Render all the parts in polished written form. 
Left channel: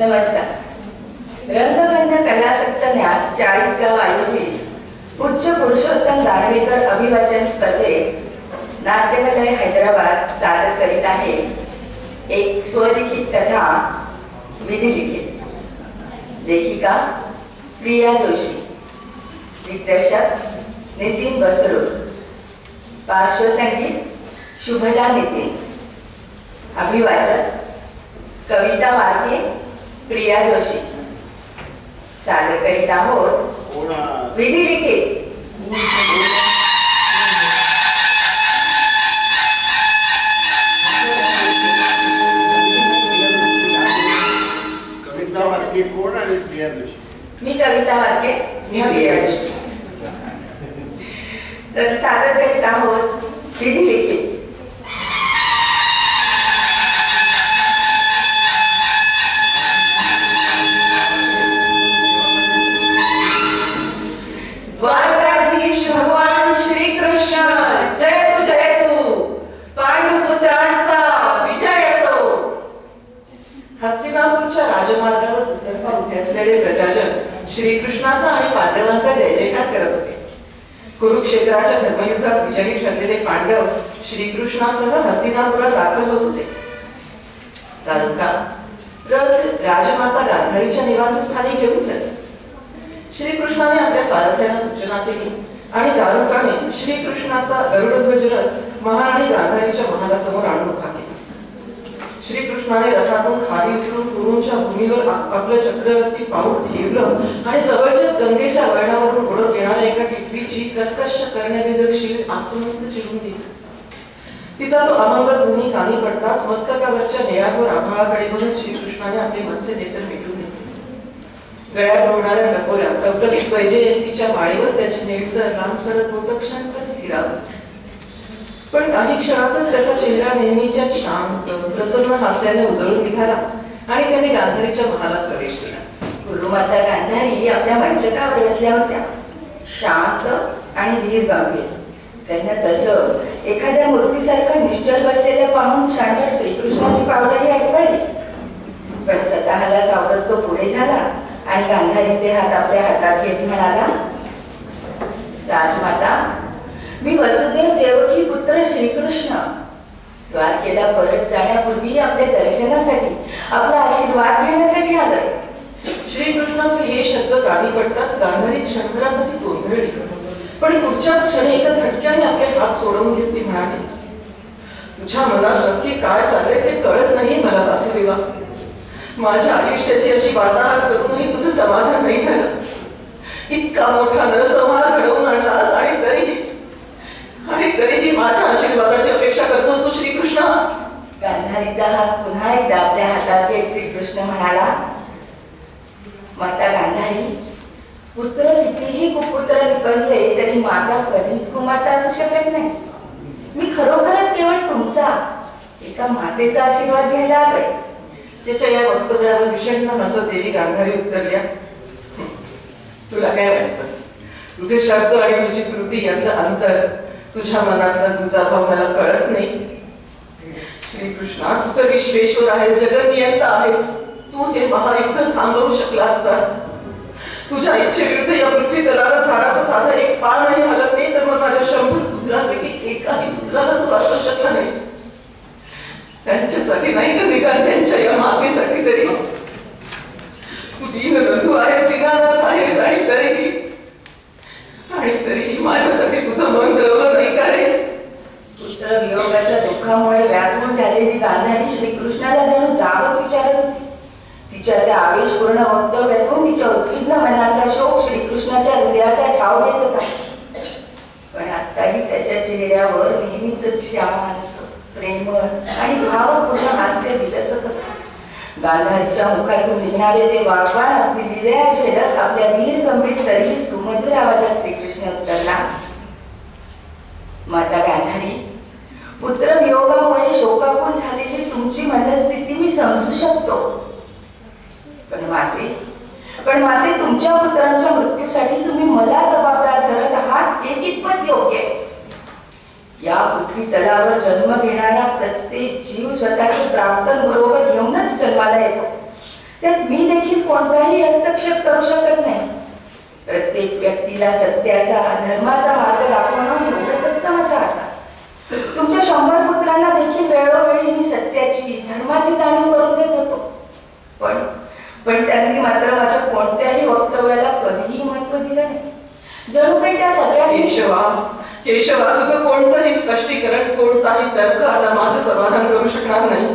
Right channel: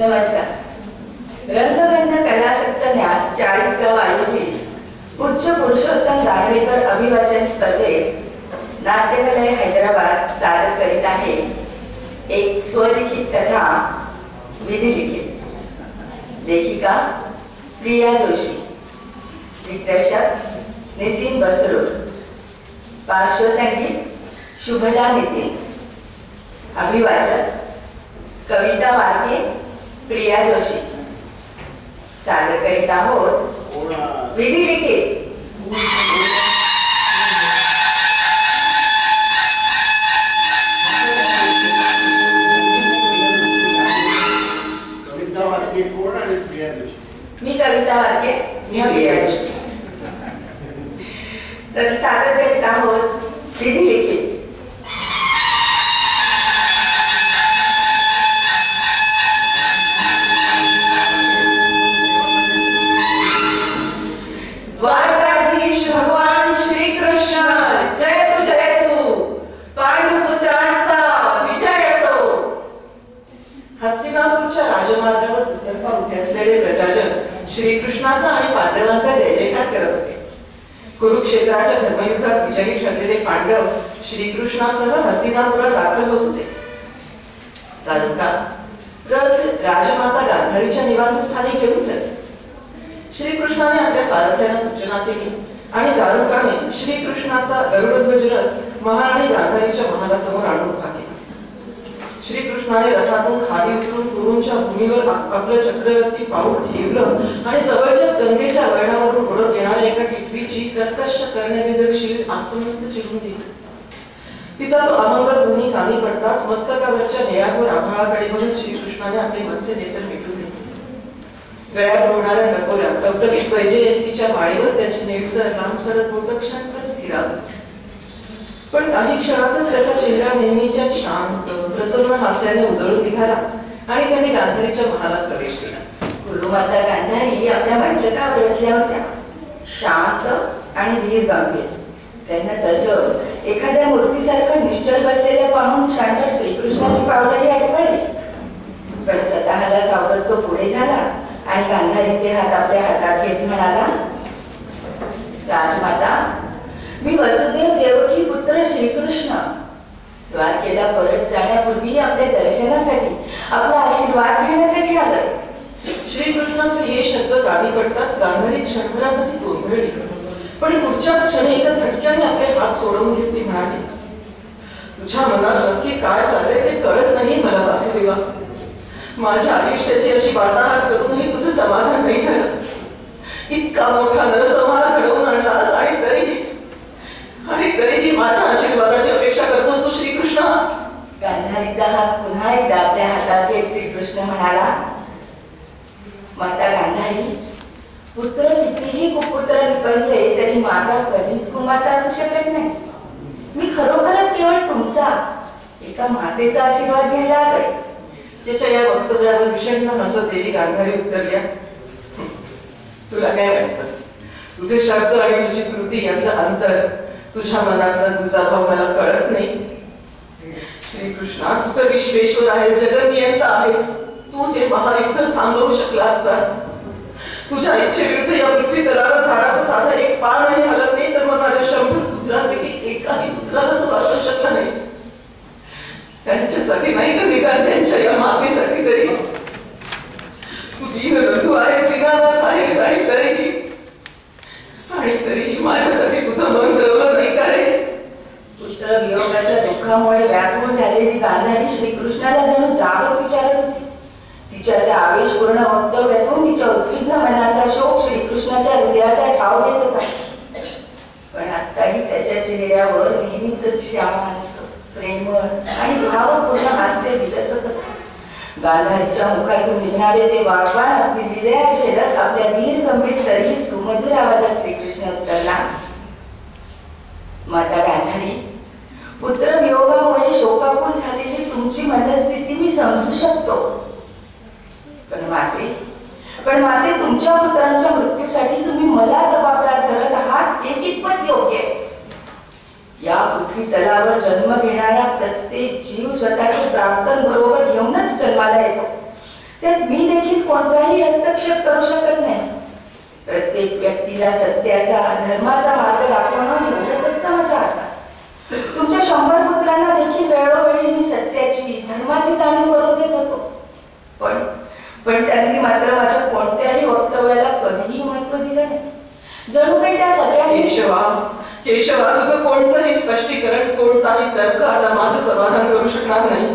नमस्कार. रंगगंध कलासक्त न्यास 40 गाव आयोजित उच्च पुरुषोत्तम दानवेकर अभिवाचन स्पर्धेत नाट्यकला हैदराबाद सादर करीत आहे एक स्वलिखित कथा विधिलिखित. लेखिका प्रिया जोशी, दिग्दर्शक नितीन बसरूड, पार्श्वसंगीत शुभदा नितीन, अभिवाचक कविता वारके, प्रिया जोशी. सादर करीत आहोत विधिलिखित. कविता वारके कोण आणि प्रिया जोशी? मी कविता वारके, मी प्रिया जोशी. तर सादर करीत आहोत विधिलिखित. द्वारकाधीश भगवान श्री कृष्ण जयतु पांडुपुत्रांचा विजय असो. हस्तिनापूरच्या राजमार्गावर दुतर्फा उभे असलेले प्रजाजन श्रीकृष्णाचा आणि पांडवांचा जय जयकार करत होते. कुरुक्षेत्राच्या धर्मयुद्धात विजयी ठरलेले पांडव श्रीकृष्णासह हस्तिनापुरात दाखल होत होते. तालुका रथ राजमाता गांधारीच्या निवासस्थानी घेऊन चलले. श्रीकृष्णाने आपल्या सारथ्याला सूचना केली आणि दारुकाने श्रीकृष्णाचा गरुडध्वज रथ महाराणी गांधारीच्या महालासमोर आणून उभा केला. श्रीकृष्णाने रथातून खाली उतरून कुरूंच्या भूमीवर आपलं चक्रवर्ती पाऊल ठेवलं आणि जवळच्याच गंगेच्या वळणावरून उडत येणाऱ्या एका टिटवीची कर्कश करण्याविदक्षिण आसमंत चिरून दिली. तिचा तो अमंगल ध्वनी कानी पडताच मस्तकावरच्या निळाभोर आभाळाकडे बघून श्रीकृष्णाने आपले मनसे नेत्र मिटून घेतले. गळ्यात होणाऱ्या टकोऱ्या टवटकीत वैजयंतीच्या माळीवर त्याची निळसर लांबसडक बोटं क्षणभर स्थिरावली. पण काही क्षणातच त्याचा चेहरा नेहमीच्या शांत प्रसन्न हास्याने उजळून निघाला आणि त्याने गांधारीच्या महालात प्रवेश केला. गुरुमाता गांधारी आपल्या मंचकावर बसल्या होत्या, शांत आणि धीर गंभीर. त्यांना तसं एखाद्या मूर्तीसारखं निश्चल बसलेल्या पाहून शांत श्रीकृष्णाची पावलंही आठवली. पण स्वतःला सावरत तो पुढे झाला आणि गांधारीचे हात आपल्या हातात घेत म्हणाला, राजमाता, मी वसुदेव देवकी पुत्र श्रीकृष्ण द्वारकेला परत जाण्यापूर्वी आपल्या दर्शनासाठी आपला आशीर्वाद घेण्यासाठी आलोय. श्रीकृष्णाचे हे शब्द कानी पडताच गांधारी क्षणभरासाठी गोंधळली. पण पुढच्याच क्षणी एका झटक्याने आपले हात सोडवून घेत ती म्हणाली, तुझ्या मनात नक्की काय चाललंय ते कळत नाही मला वासुदेवा. माझ्या आयुष्याची अशी वार्ताहर करूनही तुझं समाधान नाही झालं. इतका मोठा नरसंहार घडवून आणलास आणि तरीही माझ्या आशीर्वादाची अपेक्षा करतोस तू श्रीकृष्ण. गांधारीचा हात पुन्हा एकदा आपल्या हातात घेत श्रीकृष्ण म्हणाला, माता गांधारी, पुत्र कितीही कुपुत्र निपजले तरी माता कधीच कुमाता असू शकत नाही. मी खरोखरच केवळ तुमचा एका मातेचा आशीर्वाद घ्यायला आलोय. त्याच्या या वक्तव्यावर विषण्ण हसत देवी गांधारी उत्तरल्या, तुला काय वाटतं? तुझे शब्द आणि तुझी कृती यातलं अंतर, तुझ्या मनातला तुझा भाव मला कळत नाही. श्रीकृष्णा, तू तर विश्वेश्वर आहेस, जगनियंता आहेस. तू हे महायुद्ध थांबवू शकला असतास. तुझ्या इच्छेविरुद्ध या पृथ्वी तलावर झाडाचा साधा एक पान नाही हलत नाही, तर मग माझ्या 100 पुत्रांपैकी एकाही पुत्राला तू वाचवू शकला नाहीस. त्यांच्यासाठी नाही तर निदान त्यांच्या या मातेसाठी तरी. तू दीनबंधू आहेस, दीनानाथ आहेस आणि तरीही माझ्यासाठी तुझं मन दरवलं नाही का रे? पुत्र वियोगाच्या दुःखामुळे व्याकुळ झालेली गांधारी श्रीकृष्णाला जणू जावच विचारत होती. तिच्या त्या आवेशपूर्ण वक्तव्यातून तिच्या उद्विग्न मनाचा शोक श्रीकृष्णाच्या हृदयाचा ठाव घेत होता. पण आत्ताही त्याच्या चेहऱ्यावर नेहमीच शांत, प्रेमळ आणि भावपूर्ण हास्य विलसत होते. गांधारीच्या मुखातून निघणारे ते वागवान अगदी दिल्या झेलत आपल्या धीर गंभीर तरीही सुमधुर आवाजात श्रीकृष्ण उत्तरला, माता गांधारी, पुत्र वियोगामुळे शोकाकुल झालेली तुमची मनस्थिती मी समजू शकतो. पण माते तुमच्या पुत्रांच्या मृत्यूसाठी तुम्ही मला जबाबदार धरत आहात हे कितपत योग्य आहे? या पृथ्वी तलावर जन्म घेणारा प्रत्येक जीव स्वतःचे प्राक्तन बरोबर घेऊनच जन्माला येतो. त्यात मी देखील कोणताही हस्तक्षेप करू शकत नाही. प्रत्येक व्यक्तीला सत्याचा धर्माचा मार्ग दाखवणं एवढंच असतं माझ्या हातात. तुमच्या 100 पुत्रांना देखील वेळोवेळी मी सत्याची धर्माची जाणीव करून देत होतो. पण त्यांनी मात्र माझ्या कोणत्याही वक्तव्याला कधीही महत्त्व दिलं नाही. जणू काही त्या सगळ्यांनी केशवा तुझं कोणतंही स्पष्टीकरण, कोणताही तर्क आता माझं समाधान करू शकणार नाही.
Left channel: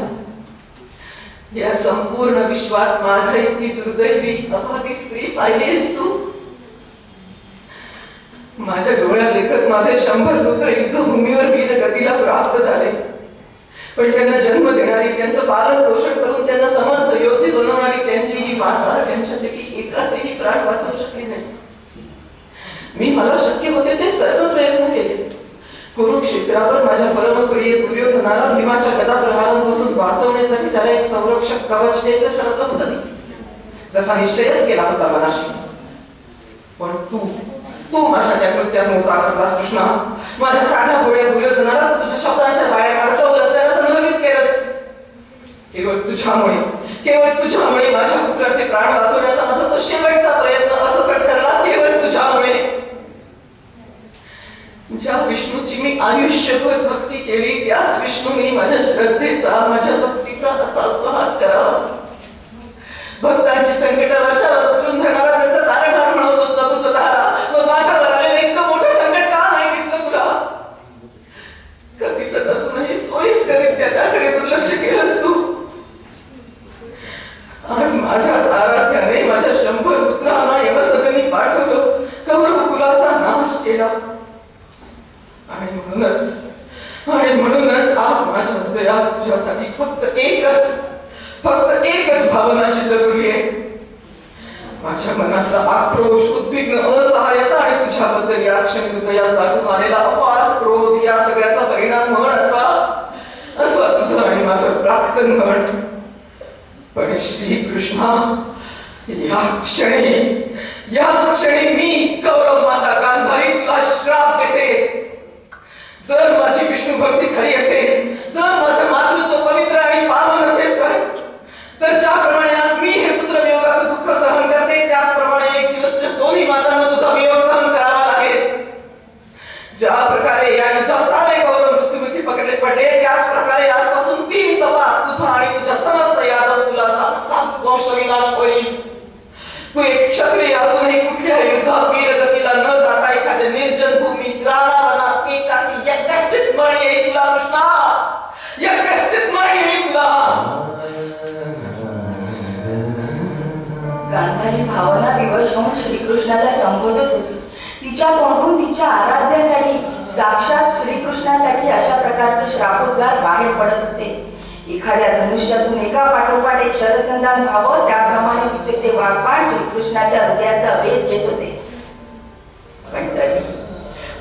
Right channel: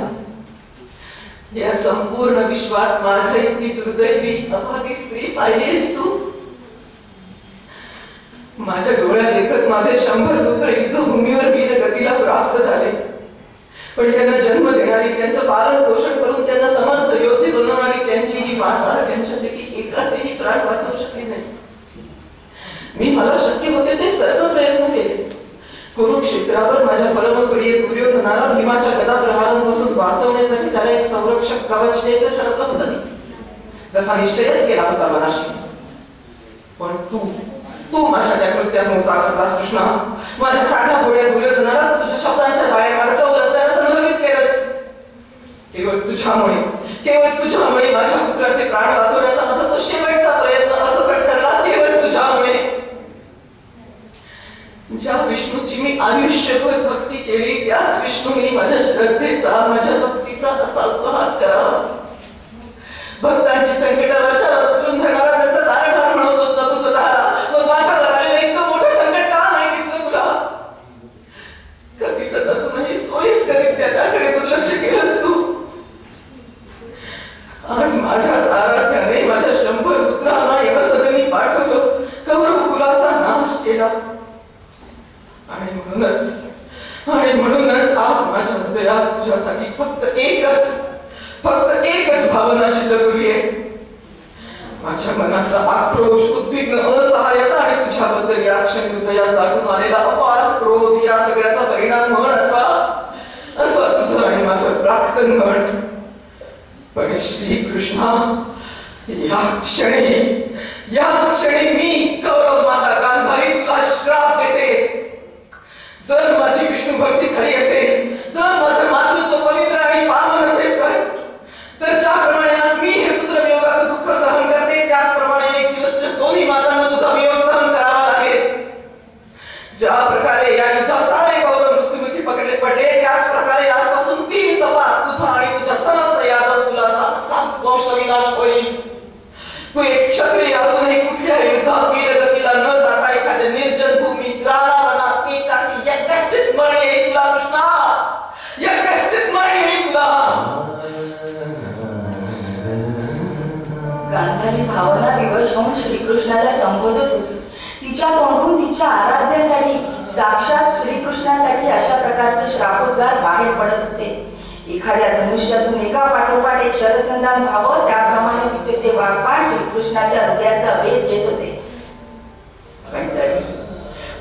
या संपूर्ण विश्वात माझ्या इतकी दुर्दैवी अभागी स्त्री पाहिलीस तू? माझ्या डोळ्यात देखत माझे 100 पुत्र युद्धभूमीवर वीर गतीला प्राप्त झाले. पण त्यांना जन्म देणारी, त्यांचं पालन पोषण करून त्यांना समर्थ योद्धे बनवणारी त्यांची ही माता त्यांच्यापैकी एकाचेही प्राण वाचवू शकली नाही. मी मला शक्य होते ते सर्व प्रयत्न केले. कुरुक्षेत्रावर माझ्या परमप्रिय दुर्योधनाला भीमाच्या गदा प्रहारांपासून वाचवण्यासाठी त्याला एक संरक्षक कवच द्यायचं ठरवलं होतं मी. तसा निश्चयच केला होता मनाशी. पण तू माझ्या त्या कृत्यात मोठा घातलास कृष्णा. माझ्या साध्या भोळ्या दुर्योधनाला तुझ्या शब्दांच्या जाळ्यात अडकवलंस, त्याला संभ्रमित केलंस. केवळ तुझ्यामुळे माझ्या पुत्राचे प्राण वाचवण्याचा माझा तो शेवटचा प्रयत्न असफल ठरला. केवळ तुझ्यामुळे. ज्या विष्णूची मी आयुष्यभर भक्ती केली, त्याच विष्णूने माझ्या श्रद्धेचा, माझ्या भक्तीचा असा उपहास करावा. भक्तांची संकटावरच्या उचलून धरणारा त्यांचा तारणहार म्हणत तू स्वतःला. मग माझ्यावर आलेलं इतकं मोठं संकट का नाही दिसलं तुला? का दिसत असूनही सोयीस्करित्या त्याकडे दुर्लक्ष केलंस तू? आज माझ्याच आराध्याने माझ्या 100 पुत्रांना यमसदनी पाठवलं, कौरव कुलाचा नाश केला. आणि म्हणूनच आज माझ्या हृदयात तुझ्यासाठी फक्त एकच भावना शिल्लक उरली आहे. माझ्या मनातला आक्रोश, उद्विग्न, असहाय्यता आणि तुझ्याबद्दल या क्षणी हृदयात दाटून आलेला अपार क्रोध, या सगळ्याचा परिणाम म्हण अथवा तुझं आणि माझं प्राक्तन म्हण. पण श्रीकृष्णा, या क्षणी मी कौरव माता गांधारी तुला श्राप देते. जर माझी विष्णू भक्ती खरी असेल, जर माझं मातृत्व पवित्र आणि पावन असेल तर ज्याप्रमाणे आज मी हे पुत्रवियोगाचं दुःख सहन करते, त्याचप्रमाणे एक दिवस दोन्ही मातांना तुझा वियोग सहन करावा लागेल. ज्या प्रकारे या युद्धात सारे कौरव मृत्युमुखी पडले, त्याच प्रकारे आजपासून 3 तपात तुझा आणि तुझ्या समस्त यादव कुलाचा असाच वंशविनाश होईल. तू एक क्षत्रिय असूनही कुठल्या युद्धात वीरगतीला न जाता एखाद्या निर्जन भूमीत रानावनात एकाकी यज्ञश्चित मरणी येईल तुला कृष्णा. यज्ञश्चित मरणी येईल तुला. गांधारी भावना विवश होऊन श्रीकृष्णाला संबोधत होती. तिच्या तोंडून तिच्या आराध्यासाठी, साक्षात श्रीकृष्णासाठी अशा प्रकारचे श्रापोद्गार बाहेर पडत होते. एखाद्या धनुष्यातून एका पाठोपाठ एक शरसंधान व्हावं, त्याप्रमाणे तिचे ते वाग्बाण श्रीकृष्णाच्या हृदयाचा वेध घेत होते.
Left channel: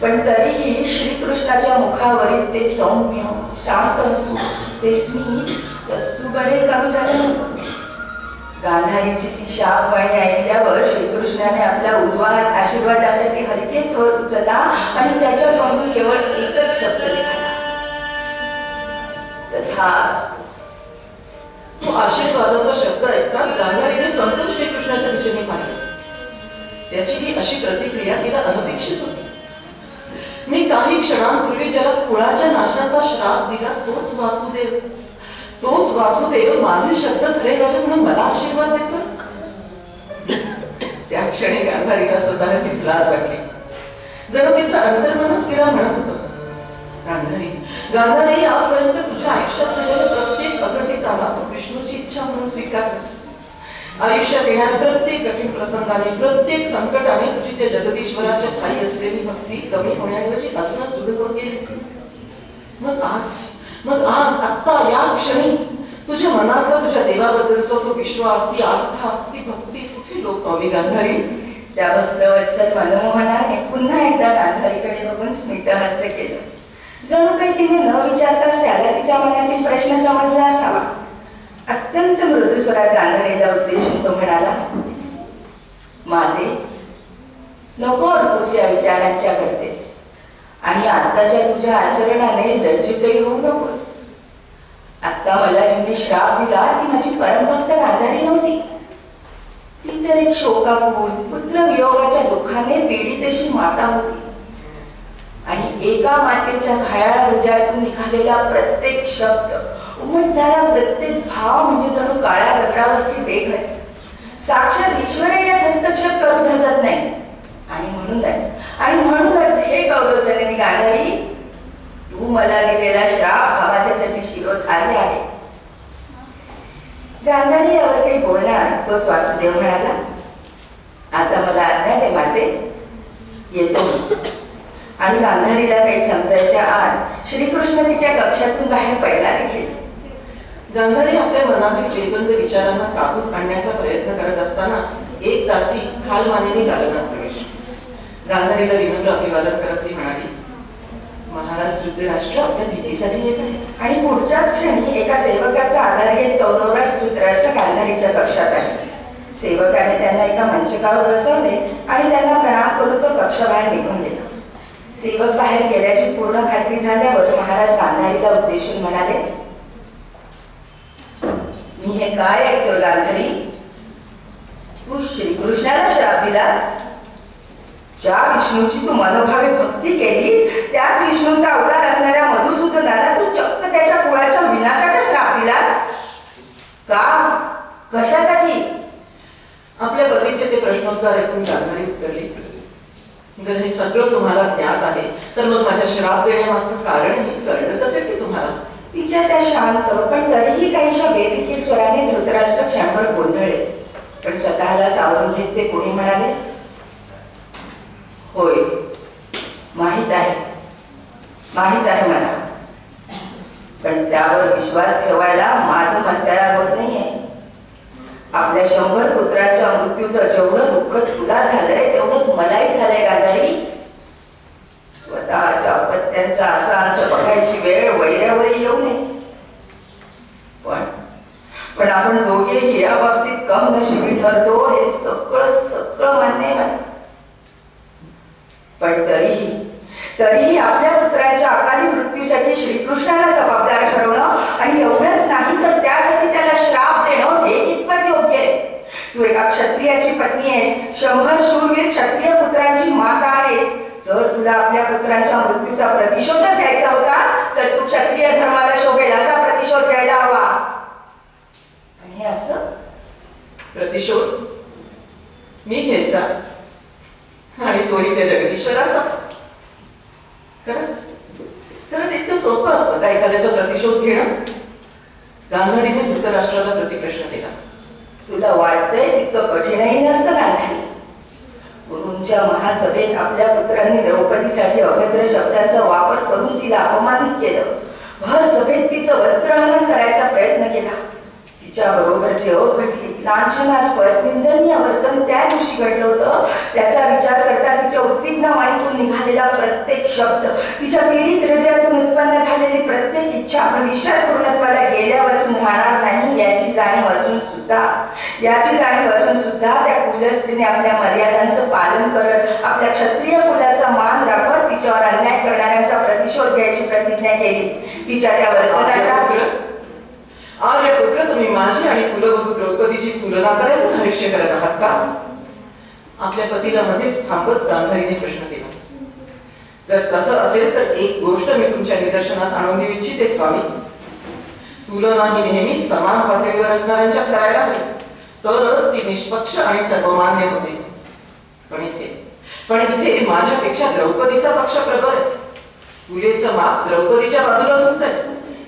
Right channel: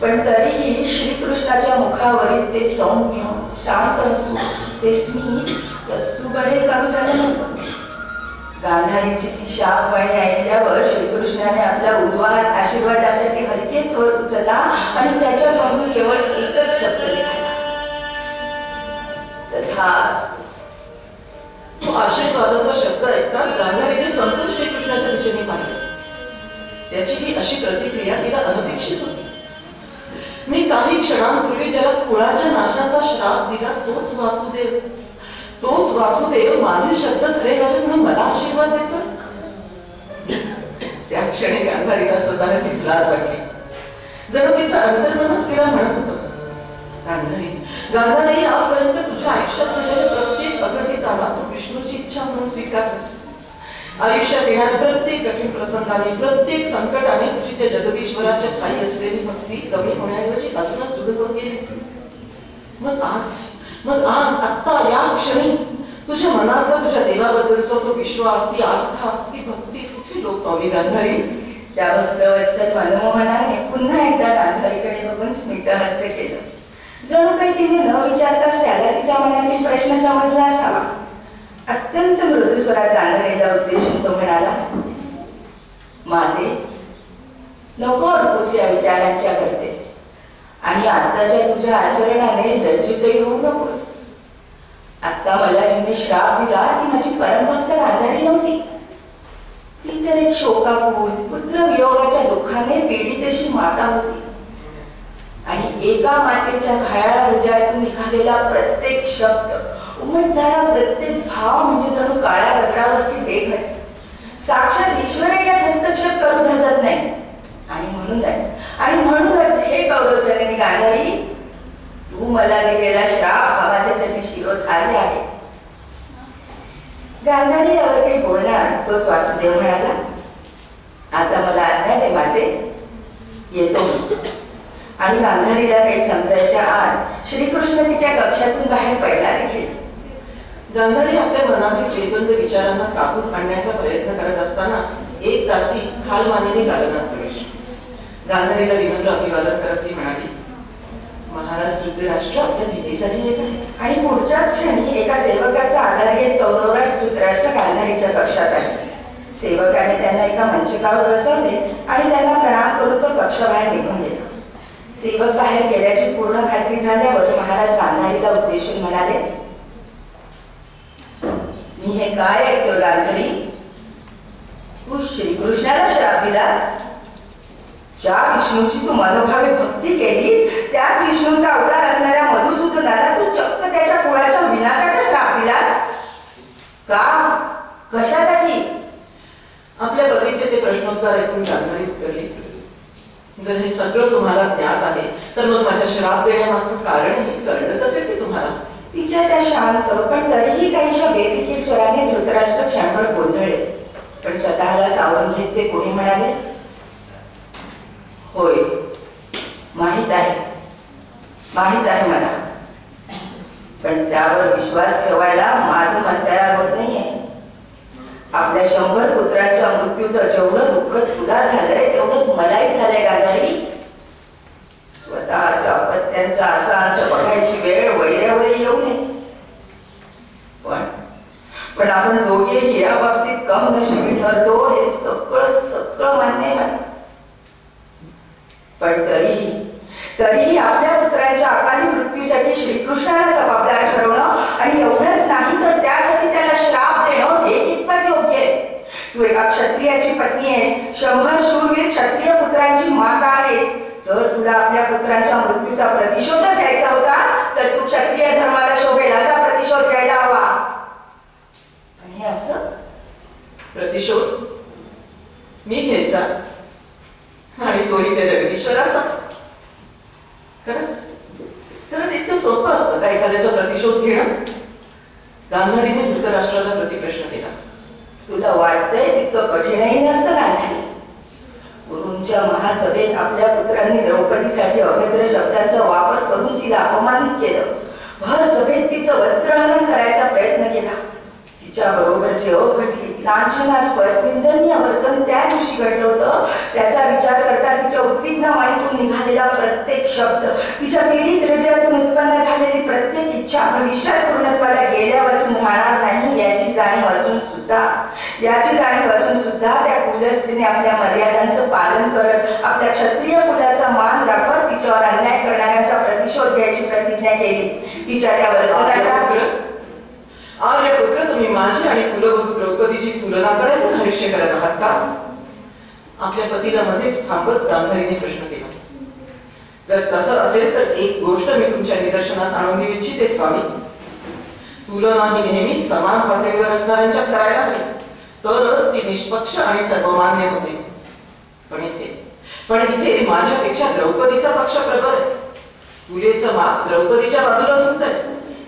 पण तरीही श्रीकृष्णाच्या मुखावरील ते सौम्य शांत हसू, ते स्मित कसू बरे कमी झालं नव्हतं. गांधारीची ती शापवाणी ऐकल्यावर श्रीकृष्णाने आपला उजवा हात आशीर्वादासाठी हलकेच वर उचलला आणि त्याच्या तोंडून केवळ एकच शब्द निघाला, तथास्तु. तो आशीर्वादाचा शब्द ऐकताच गांधारीने चमकून श्रीकृष्णाच्या दिशेने पाहिले. त्याची ही अशी प्रतिक्रिया तिला अनपेक्षित होती. मी काही क्षणांपूर्वी ज्याला कुळाच्या नाशाचा श्राप दिला, तोच वासुदेव माझे शब्द खरे व्हावे म्हणून मला आशीर्वाद देतो. त्या क्षणी गांधारीला स्वतःचीच लाज वाटली. जणू तिचं अंतर्मनच तिला म्हणत होतं, गांधारी, आजपर्यंत तुझ्या आयुष्यात झालेल्या प्रत्येक अघटिताला तू विष्णूची इच्छा म्हणून स्वीकारतेस. आयुष्यात येणाऱ्या प्रत्येक कठीण प्रसंगाने, प्रत्येक संकटाने तुझी त्या जगदीश्वराच्या खाली असलेली भक्ती कमी होण्याऐवजी अजूनच दृढ होत गेली. मग आज आत्ता या क्षणी तुझ्या मनातला तुझ्या देवाबद्दलचा तो विश्वास, ती आस्था, ती भक्ती कुठे लोपावी गांधारी? त्या भक्तवत्सल मनमोहनाने पुन्हा एकदा गांधारीकडे बघून स्मितहास्य केलं. जणू काही तिने न विचारताच त्याला तिच्या मनातील प्रश्न समजला असावा. अत्यंत मृदू स्वरात गांधारीला उद्देशून तो म्हणाला, माते, नको अडकूस या विचारांच्या करते आणि आत्ताच्या तुझ्या आचरणाने लज्जितही होऊ नकोस. आता मला जिने श्राप दिला ती माझी परमभक्त गांधारी नव्हती. तर एक शोकाकुल पुत्र वियोगाच्या दुःखाने पीडित अशी माता होती आणि एका मातेच्या घायाळ हृदयातून निघालेला प्रत्येक शब्द उमटणारा प्रत्येक भाव म्हणजे जणू काळ्या दगडावरची देखच साक्षात ईश्वरही यात हस्तक्षेप करून हसत नाही. आणि म्हणूनच हे कौरवजननी गांधारी, तू मला दिलेला श्राप माझ्यासाठी शिरोधार्य आहे. गांधारी यावर काही बोलणार तोच वासुदेव म्हणाला, आता मला आज्ञा दे माते, येतो. आणि गांधारीला काही समजायच्या आत श्रीकृष्ण तिच्या कक्षातून बाहेर पडला देखील. गांधारी आपल्या मनातील बेबंद विचारांना काबूत आणण्याचा प्रयत्न करत असतानाच एक दासी खालमानेने दालनात प्रवेश. गांधारीला विनम्र अभिवादन करत ती म्हणाली, महाराज धृतराष्ट्र आपल्या भेटीसाठी येत आहे. आणि पुढच्याच क्षणी एका सेवकाचा आधार घेत कौरवराज धृतराष्ट्र गांधारीच्या कक्षात आले. सेवकाने त्यांना एका मंचकावर बसवले आणि त्यांना प्रणाम करून तो कक्षाबाहेर निघून गेला. सेवक बाहेर गेल्याची पूर्ण खात्री झाल्यावर महाराज गांधारीला उद्देशून म्हणाले, मी हे काय ऐकतोय गांधारी, तू श्रीकृष्णाला श्राप दिलास. ज्या विष्णूची तू मनोभावे भक्ती केलीस त्याच विष्णूचा अवतार असणाऱ्या मधुसूदनाला तू चक्क त्याच्या कुळाच्या विनाशाचा श्राप दिलास का? कशासाठी? आपल्या पतीचे ते प्रश्नोत्तर ऐकून गांधारी उत्तरली, जर हे सगळं तुम्हाला ज्ञात आहे तर मग माझ्या श्राप देण्यामागचं कारणही कळलंच असेल की तुम्हाला. तिच्या त्या शांत पण तरीही काहीशा बेफिकीर स्वराने धृतराष्ट्र क्षणभर गोंधळले, पण स्वतःला सावरून घेत ते पुढे म्हणाले, होय, माहित आहे मला, पण त्यावर विश्वास ठेवायला माझं मन तयार होत नाहीये. आपल्या 100 पुत्रांच्या मृत्यूचं जेवढं दुःख तुला झालंय तेवढंच मलाही झालंय गांधारी. स्वतःच्या अपत्यांचा असा अंत बघायची वेळ वैऱ्यावरही येऊ नये. पण आपण दोघेही या बाबतीत कम नशिबी ठरतो हे सगळं मान्य आहे मला. पण तरीही आपल्या पुत्राच्या अकाली मृत्यूसाठी श्रीकृष्णाला जबाबदार ठरवणं आणि एवढंच नाही तर त्यासाठी त्याला श्राप देणं हे कितपत योग्य आहे. तू एका क्षत्रियाची पत्नी आहेस, 100 शूरवीर क्षत्रिय पुत्रांची माता आहेस. जर तुला आपल्या पुत्रांच्या मृत्यूचा प्रतिशोधच घ्यायचा होता तर तू क्षत्रिय धर्माला शोभेल असा प्रतिशोध घ्यायला हवा. आणि हे असं प्रतिशोध मी घ्यायचा आणि तोही त्या जगदीश्वराचा. खरंच इतकं सोपं असतं का एखाद्याचा प्रतिशोध घेणं? गांधारीने धृतराष्ट्राला प्रतिप्रश्न केला. तुला वाटतंय तितकं कठीणही नसतं गांधारी. गुरूंच्या महासभेत आपल्या पुत्रांनी द्रौपदीसाठी अभद्र शब्दांचा वापर करून तिला अपमानित केलं. भर सभेत तिचं वस्त्रहरण करायचा प्रयत्न केला. तिच्या बरोबर जे अघटित लांछनास्पद निंदनीय वर्तन त्या दिवशी घडलं होतं त्याचा विचार करता तिच्या उद्विग्न वाणीतून निघालेला प्रत्येक शब्द, तिच्या पीडित हृदयातून उत्पन्न झालेली प्रत्येक इच्छा भविष्यात पूर्णत्वाला गेल्या वाचून राहणार नाही याची जाणीव असून सुद्धा त्या कुलस्त्रीने आपल्या मर्यादांचं पालन करत आपल्या क्षत्रिय कुलाचा मान राखत तिच्यावर अन्याय करणाऱ्यांचा प्रतिशोध घ्यायची प्रतिज्ञा केली. तिच्या त्या वर्तनाचा आर्यपुत्र, तुम्ही माझी आणि कुलवधू द्रौपदीची तुलना करायचं निश्चय करत आहात का? आपल्या पतीला मध्येच थांबत गांधारीने प्रश्न केला. जर तसं असेल तर एक गोष्ट मी तुमच्या निदर्शनास आणून देऊ इच्छिते स्वामी. तुलना ही नेहमी समान पातळीवर असणाऱ्यांच्या करायला हवी, तरच ती निष्पक्ष आणि सर्वमान्य होते. पण इथे माझ्यापेक्षा द्रौपदीचा पक्ष प्रबळ आहे. तुलेचं माप द्रौपदीच्या बाजूला झुकतंय.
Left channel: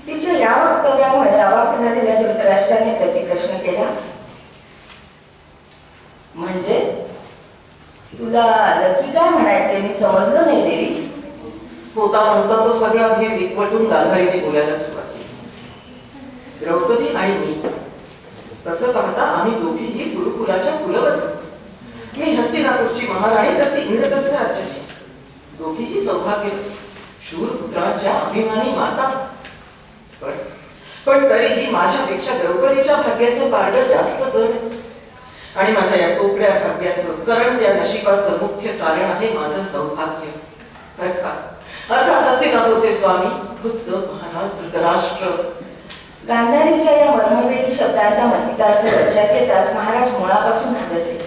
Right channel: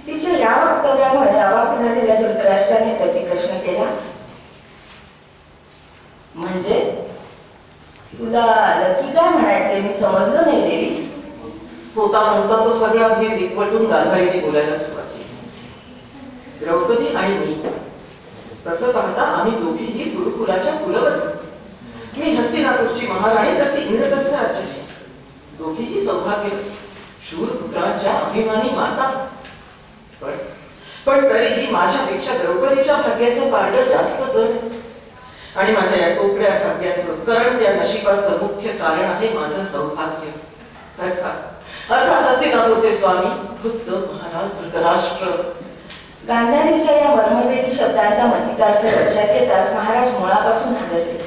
तिच्या या वक्तव्यामुळे अवाक झालेल्या धृतराष्ट्राने प्रतिप्रश्न केला, म्हणजे तुला नक्की काय म्हणायचंय मी समजलो नाही देवी. होता म्हणता तो सगळा भेद एकवटून गांधारीने बोलायला सुरुवात केली. द्रौपदी आणि मी, तसं पाहता आम्ही दोघीही गुरुकुलाच्या कुलवधू. मी हस्तिनापूरची महाराणी तर ती इंद्रप्रस्थ राज्याची. दोघीही सौभाग्य शूरपुत्रांच्या अभिमानी माता. पण तरीही माझ्यापेक्षा द्रौपदीच्या भाग्याचं पारडं जास्त जड आणि माझ्या या कोकड्या भाग्याचं कारण त्या नशिबाचं मुख्य कारण आहे माझं सौभाग्य. अर्थात हस्तिनापूरचे स्वामी खुद्द महाराज धृतराष्ट्र. गांधारीच्या या मर्मवेदी शब्दांचा मतितार्थ लक्षात येताच महाराज मुळापासून हादरले.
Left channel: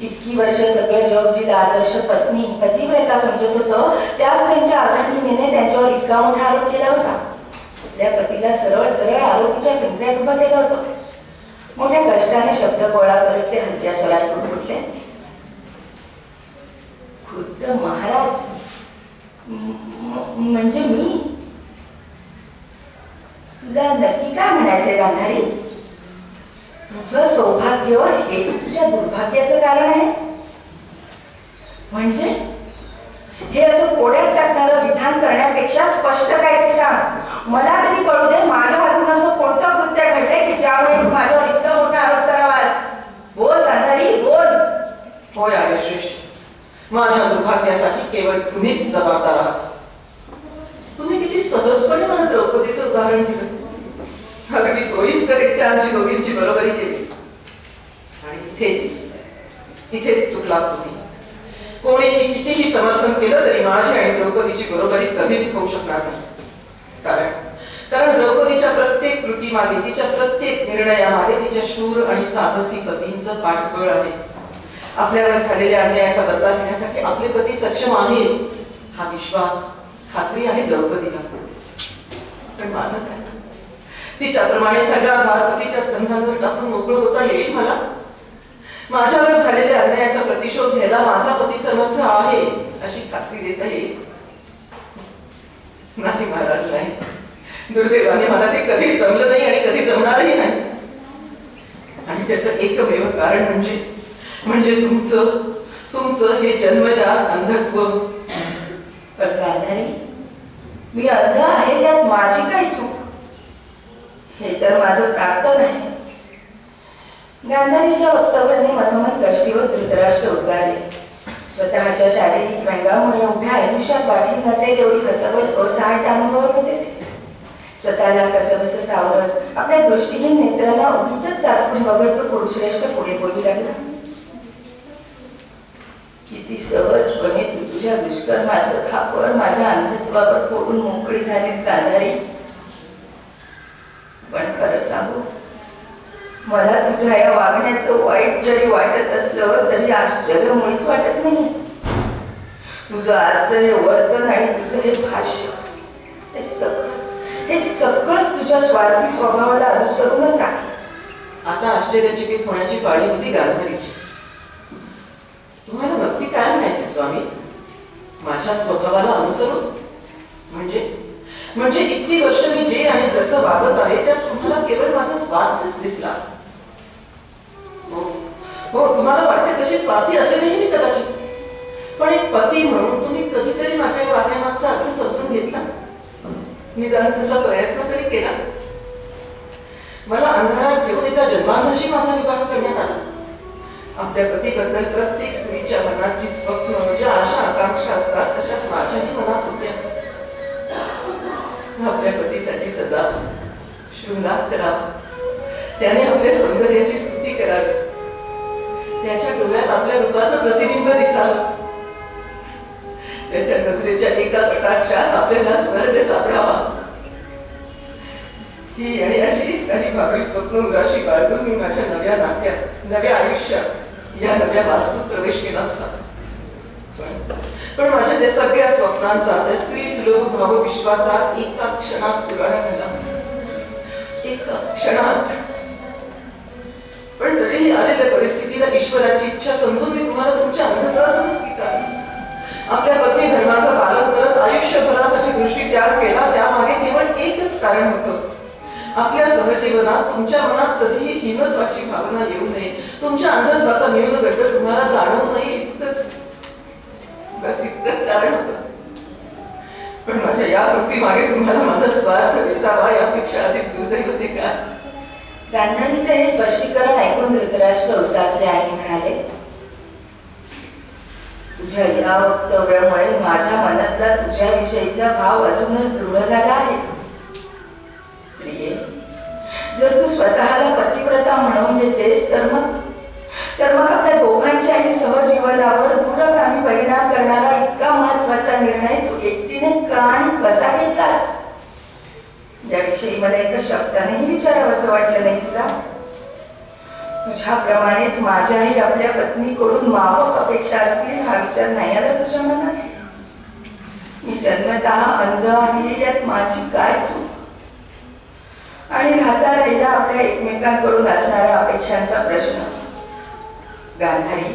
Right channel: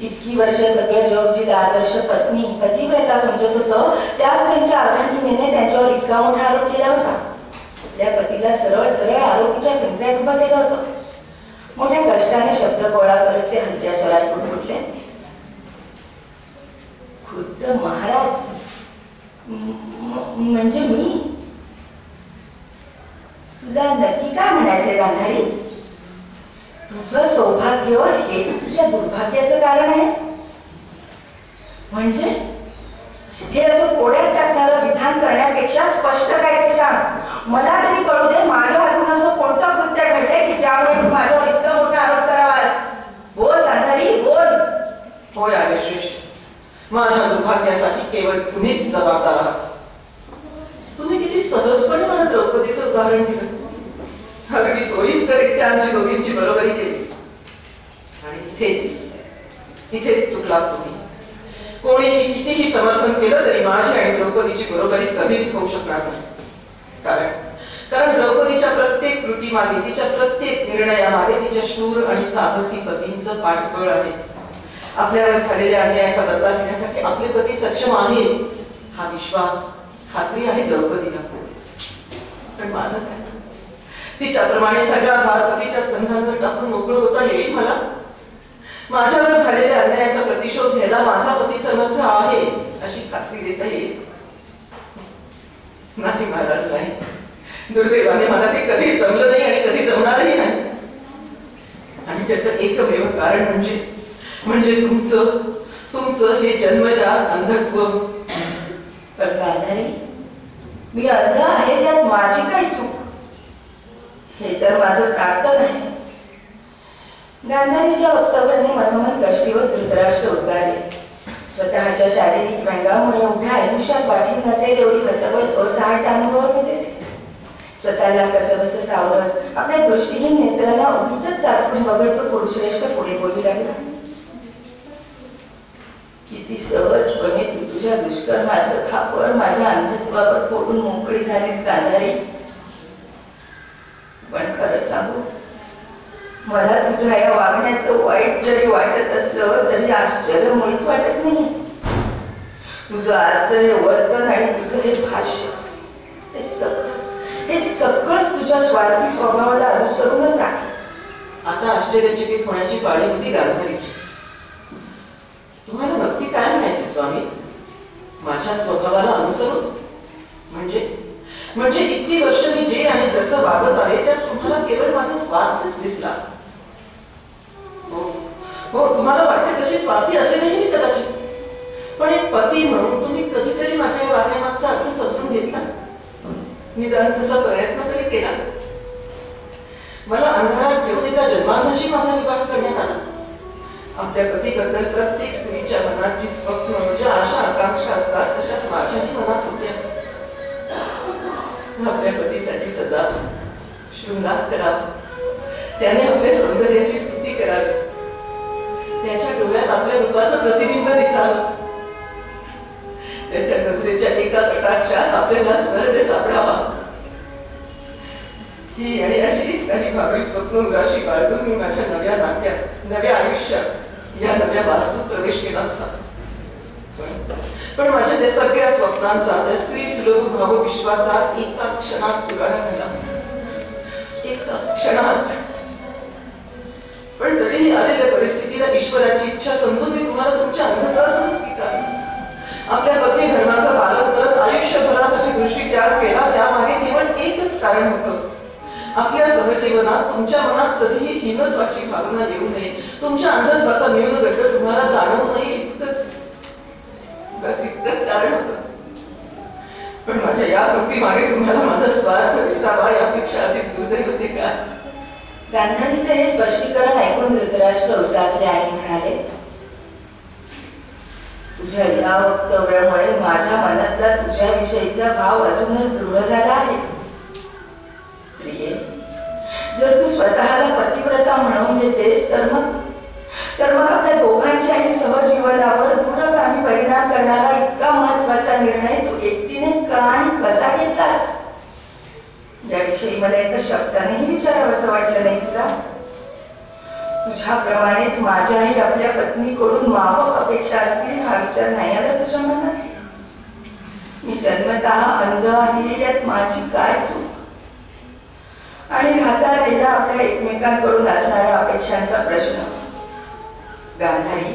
इतकी वर्ष सगळं जग जिला आदर्श पत्नी पतिव्रता समजत होतं, त्याच त्यांच्या अर्धांगिनीने त्यांच्यावर इतका मोठा आरोप केला होता. आपल्या पतीला सरळ सरळ आरोपीच्या पिंजऱ्यात उभं केलं होतं. मोठ्या कष्टाने शब्द गोळा करत ते हलक्या स्वरात उठले. खुद्द महाराज म्हणजे मी? तुला नक्की काय म्हणायचंय गांधारी? तुझं सौभाग्य हेच तुझ्या दुर्भाग्याचं कारण आहे? म्हणजे हे असं कोड्यात टाकणारं विधान करण्यापेक्षा स्पष्ट काय ते सांग. मला तरी कळू दे, माझ्या हातून असं कोणतं कृत्य घडलंय की ज्यामुळे तू माझ्यावर इतका मोठा आरोप करावास? बोल गांधारी, बोल. होय आहे श्रेष्ठ, माझ्या दुर्भाग्यासाठी केवळ तुम्हीच जबाबदार आहात. तुम्ही किती सहजपणे मला द्रौपदीचं उदाहरण दिलं. अगदी सोयीस्करित्या आमची दोघींची बरोबरी केली. आणि इथेच चुकलात तुम्ही. कोणीही कितीही समर्थन केलं तरी माझी आणि द्रौपदीची बरोबरी कधीच होऊ शकणार नाही. कारण द्रौपदीच्या प्रत्येक कृतीमागे, तिच्या प्रत्येक निर्णयामागे तिच्या शूर आणि साहसी पतींचं पाठबळ आहे. आपल्यावर झालेल्या अन्यायाचा बदला घेण्यासाठी आपले पती सक्षम आहेत हा विश्वास, खात्री आहे द्रौपदीला. पण माझं काय? तिच्याप्रमाणे सगळा भार पतीच्या स्कंधांवर टाकून मोकळं होता येईल मला? माझ्यावर झालेल्या अन्यायाचा प्रतिशोध घ्यायला माझा पती समर्थ आहे अशी खात्री देता येईल? नाही महाराज, नाही. दुर्दैवाने मला ते कधी जमलं नाही आणि कधी जमणारही नाही. आणि त्याचं एकमेव कारण म्हणजे तुमचं हे जन्मजात अंधत्व. पण गांधारी, मी अंध आहे यात माझी काही चूक? हे तर माझं प्राप्त नाही. गांधारीच्या वक्तव्याने मनोमन कष्टीवर धृतराष्ट्र उद्गारले. स्वतःच्या शारीरिक व्यंगामुळे उभ्या आयुष्यात वाटली नसेल एवढी कर्तव्य असहायता अनुभवत होते ते. स्वतःला कसंबसं सावरत आपल्या दृष्टीहीन नेत्राला उगीच चाचपून बघत तो पुरुषश्रेष्ठ पुढे बोलू लागला. किती सहजपणे तू तुझ्या दुष्कर्माचं खापर माझ्या अंधत्वावर फोडून मोकळी झालीस गांधारी. पण खरं सांगू, मला तुझ्या या वागण्याचं वाईट जरी वाटत असलं तरी आश्चर्य मुळीच वाटत नाही. तुझं आजचं हे वर्तन आणि तुझं हे भाष्य हे सगळंच तुझ्या स्वार्थी स्वभावाला अनुसरूनच आहे. आता आश्चर्यचकित होण्याची पाळी होती गांधारीची. तुम्हाला नक्की काय म्हणायचे स्वामी? माझ्या स्वभावाला अनुसरून म्हणजे इतकी वर्ष मी जे आणि जसं वागत आहे त्यात तुम्हाला केवळ माझा स्वार्थच दिसला. हो, तुम्हाला वाटते तशी स्वार्थी असेलही मी कदाचित. पण एक पती म्हणून तुम्ही कधीतरी माझ्या या वागण्यामागचा अर्थ समजून घेतला? निदान तसा प्रयत्न तरी केला? मला अंधारात घेऊन एका जन्मांशी माझा विवाह करण्यात आला. आपल्या पतीबद्दल प्रत्येक स्त्रीच्या मनाची स्वप्न, ज्या आशा आकांक्षा असतात तशाच माझ्याही मनात होत्या. आपल्या पतीसाठी सजाव, शृंगार करावा, त्याने आपल्या सौंदर्याची स्तुती करावी, त्याच्या डोळ्यात आपल्या रूपाचं प्रतिबिंब दिसावं, त्याच्या नजरेच्या एका कटाक्षात आपल्याला स्वर्ग सापडावा. ही आणि अशीच काही भाबडी स्वप्न उराशी बाळगून मी माझ्या नव्या नात्यात, नव्या आयुष्यात, या नव्या वास्तूत प्रवेश केला होता. पण माझ्या त्या सगळ्या स्वप्नांचा, त्या स्त्री सुलभ भावविश्वाचा एका क्षणात चुराडा झाला. एका क्षणात. पण तरीही आलेल्या परिस्थितीला ईश्वराची इच्छा समजून मी तुम्हाला तुमच्या अंधत्वासह स्वीकारले. आपल्या पत्नी धर्माचा पालन करत आयुष्यभरासाठी दृष्टी त्याग केला. त्यामागे केवळ एकच कारण होतं. आपल्या सहजीवनात तुमच्या मनात कधीही हीनत्वाची भावना येऊ नये, तुमच्या अंधत्वाचा न्यूनगंड तुम्हाला जाणवू नये, इतकंच कारण होतं. पण माझ्या या कृतीमागे तुम्हाला माझा स्वार्थ दिसावा यापेक्षा अधिक दुर्दैव होते का? गांधारीचं हे स्पष्टीकरण ऐकून धृतराष्ट्र उसासले आणि म्हणाले, तुझ्या या वक्तव्यामुळे माझ्या मनातला तुझ्याविषयीचा भाव अजूनच दृढ झाला आहे. प्रिये, जर तू स्वतःला पतिव्रता म्हणून घेतेस तर मग आपल्या दोघांच्या आणि सहजीवनावर दूरगामी परिणाम करणारा इतका महत्वाचा निर्णय तू एकटीने का आणि कसा घेतलास? याविषयी मला एका शब्दानेही विचारावं असं वाटलं नाही तुला? तुझ्याप्रमाणेच माझ्याही आपल्या पत्नीकडून माफक अपेक्षा असतील हा विचार नाही आला तुझ्या मनात? मी जन्मतः अंध आहे यात माझी काय चूक? आणि राहता राहिला आपल्या एकमेकांकडून असणाऱ्या अपेक्षांचा प्रश्न. गांधारी,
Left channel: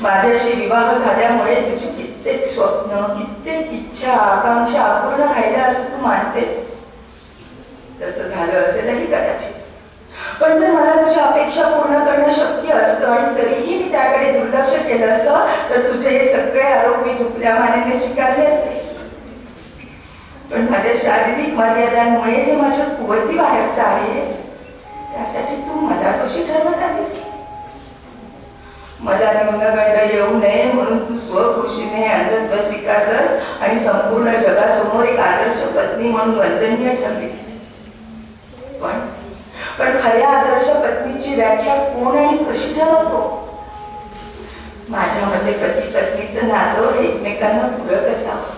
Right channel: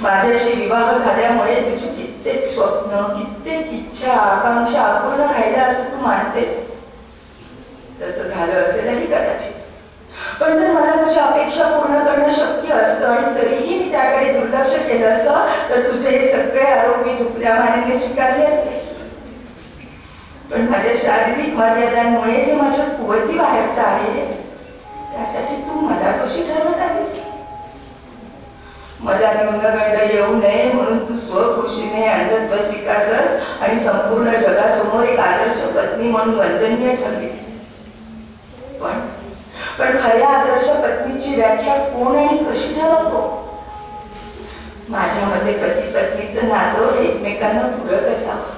माझ्याशी विवाह झाल्यामुळे तुझी कित्येक स्वप्न, कित्येक इच्छा, आकांक्षा अपूर्ण राहिल्या असं तू मानतेस. तसं झालं असेलही कदाचित. पण जर मला तुझ्या अपेक्षा पूर्ण करणं शक्य असतं आणि तरीही मी त्याकडे दुर्लक्ष केलं असतं तर तुझे हे सगळे आरोप मी चुकल्या मानेने स्वीकारले असते. पण माझ्या शारीरिक मर्यादांमुळे जे माझ्या कुवती बाहेरचं आहे त्यासाठी तू मला कशी ठरवत आहेस? मला न्यूनगंड येऊ नये म्हणून तू स्वखुशीने अंधत्व स्वीकारलंस आणि संपूर्ण जगासमोर एक आदर्श पत्नी म्हणून वंदनीय ठरलीस. पण खऱ्या आदर्श पत्नीची व्याख्या कोण आणि कशी ठरवतो? माझ्या मते पती पत्नीचं नातं एकमेकांना पूरक असावं.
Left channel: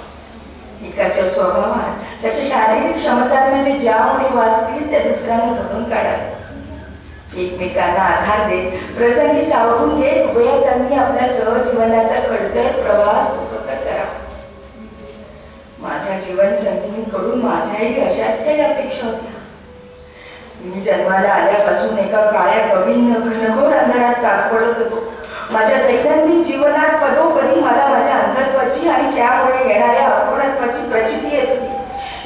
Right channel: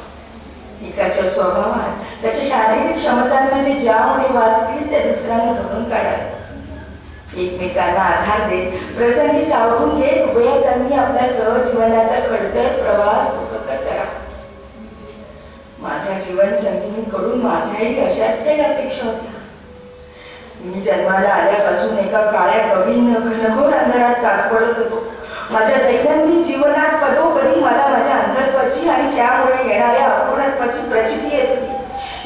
एकाच्या स्वभावात, त्याच्या शारीरिक क्षमतांमध्ये ज्या उणीवा असतील त्या दुसऱ्याने धरून काढाव्या. एकमेकांना आधार देत, प्रसंगी सावरून घेत उभयतांनी आपल्या सहजीवनाचा खडतर प्रवास सुखकर करावा. माझ्या जीवन संगिनीकडून माझ्याही अशाच काही अपेक्षा होत्या. मी जन्माला आल्यापासून एका काळ्या कवीन घनघोर अंधारात चाच पडत होतो. माझ्या दैनंदिन जीवनात पदोपदी मला माझ्या अंधत्वाची आणि त्यामुळे येणाऱ्या अपूर्णत्वाची प्रचिती येत होती.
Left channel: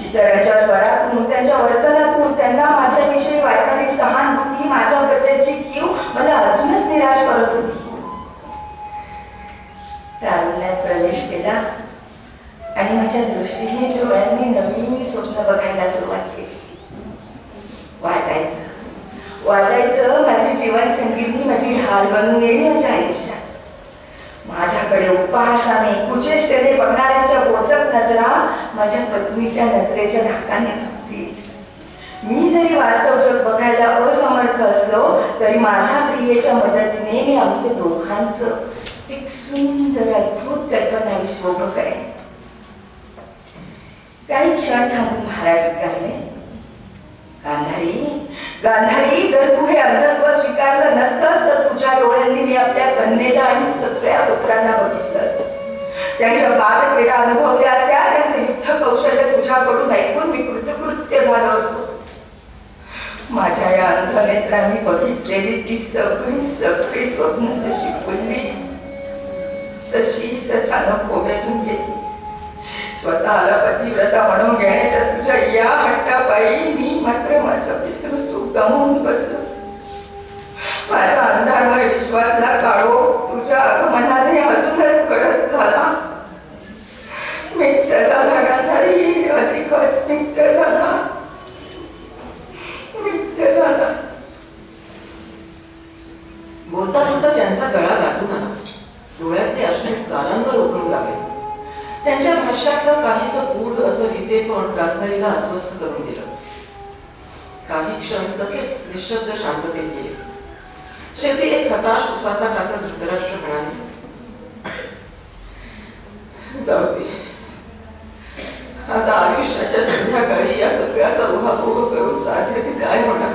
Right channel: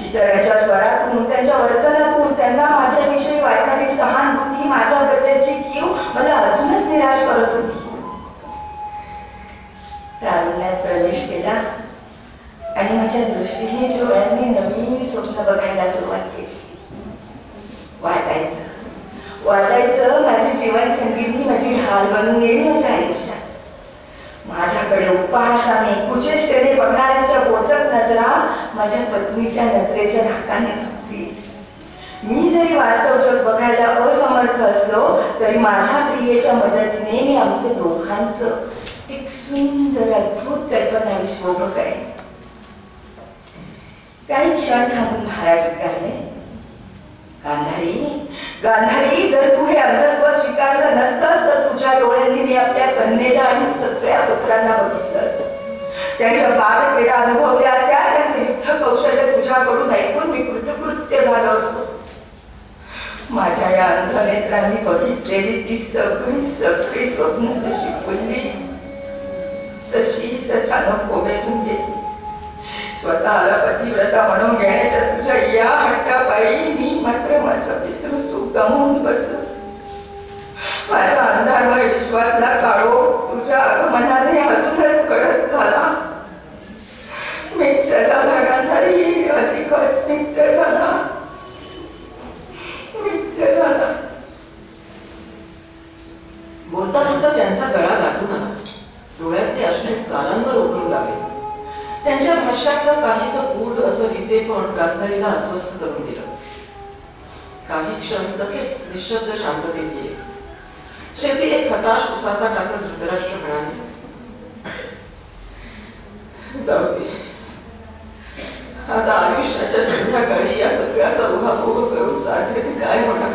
इतरांच्या स्वरातून, त्यांच्या वर्तनातून त्यांना माझ्याविषयी वाटणारी सहानुभूती, माझ्याबद्दलची कीव मला अजूनच निराश करत होती. तारुण्यात प्रवेश केला आणि माझ्या दृष्टीने डोळ्यांनी नवीन स्वप्न बघायला सुरुवात केली. वाटायचं माझी जीवन संगीती माझी ढाल बनून येईल माझ्या आयुष्यात. माझ्याकडे उपहासाने, कुचेष्टेने बघणाऱ्यांच्या बोचक नजरा माझ्या पत्नीच्या नजरेच्या धाकाने झोपतील. मी जरी वास्तव जग बघायला असमर्थ असलो तरी माझ्या प्रियेच्या मदतीने मी आमचं दोघांचं एक सुंदर अद्भुत कल्पना विश्व बघेन. काही क्षण थांबून महाराज उद्गारले, गांधारी, जर तू हे अंधत्व स्वीकारलं नसतंस तर तुझ्या डोळ्यांनी मी आपल्या कन्येला आणि सगळ्या पुत्रांना बघितलं असतं. त्यांच्या बालक्रीडा अनुभवल्या असत्या, त्यांचं युद्ध कौशल्य तुझ्याकडून ऐकून मी कृतकृत्य झालो असतो. माझ्या या अंध नेत्रांनी बघितलेली ती सगळी स्वप्न जशी फुलली तशीच अचानक कोमेजून गेली. स्वतःला पतिव्रता म्हणून घेण्याच्या तुझ्या या हट्टापायी मी मात्र माझं पितृसुख गमावून बसलो. माझ्या अंधारमय विश्वातला काळोख तुझ्या आगमनाने अजूनच गडद झाला. मिट्ट झाला गांधारी, अधिकच मिट्ट झाला. बोलता बोलता त्यांचा गळा गाठून आला. डोळ्यातले अश्रू कानांवर उघडू लागले. त्यांच्या भाष्यातलं काहीसं गूढ असं रीते पण गांधारीला अस्वस्थ करून दिलं. काही क्षण तसेच निशब्द शांततेत गेले. शेवटी एक हताश उसासा टाकत धृतराष्ट्र म्हणाले, जाऊ दे, आता आयुष्याच्या संध्याकाळी या सगळ्याचा उहापोह करून साध्य ते काय होणार?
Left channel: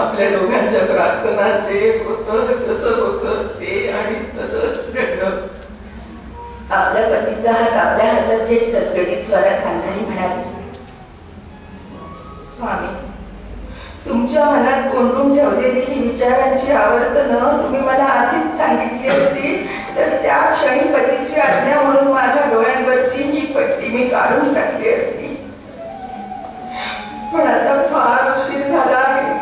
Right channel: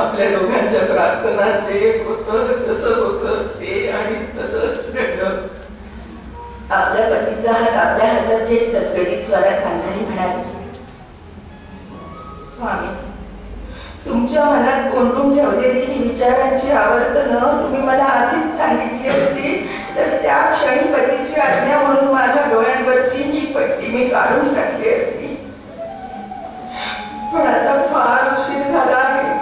आपल्या दोघांच्या प्रार्थना जे होतं जसं होतं ते आणि तसंच घडलं. आपल्या पतीचा हात आपल्या हातात घेत सजगडीत स्वरात गांधारी म्हणाली, स्वामी, तुमच्या मनात कोंडून ठेवलेली ही विचारांची आवर्तनं तुम्ही मला आधीच सांगितली असती तर त्या क्षणी पतीची आज्ञा म्हणून माझ्या डोळ्यांवरची ही पट्टी मी काढून टाकली असती. पण आता फार उशीर झाला आहे.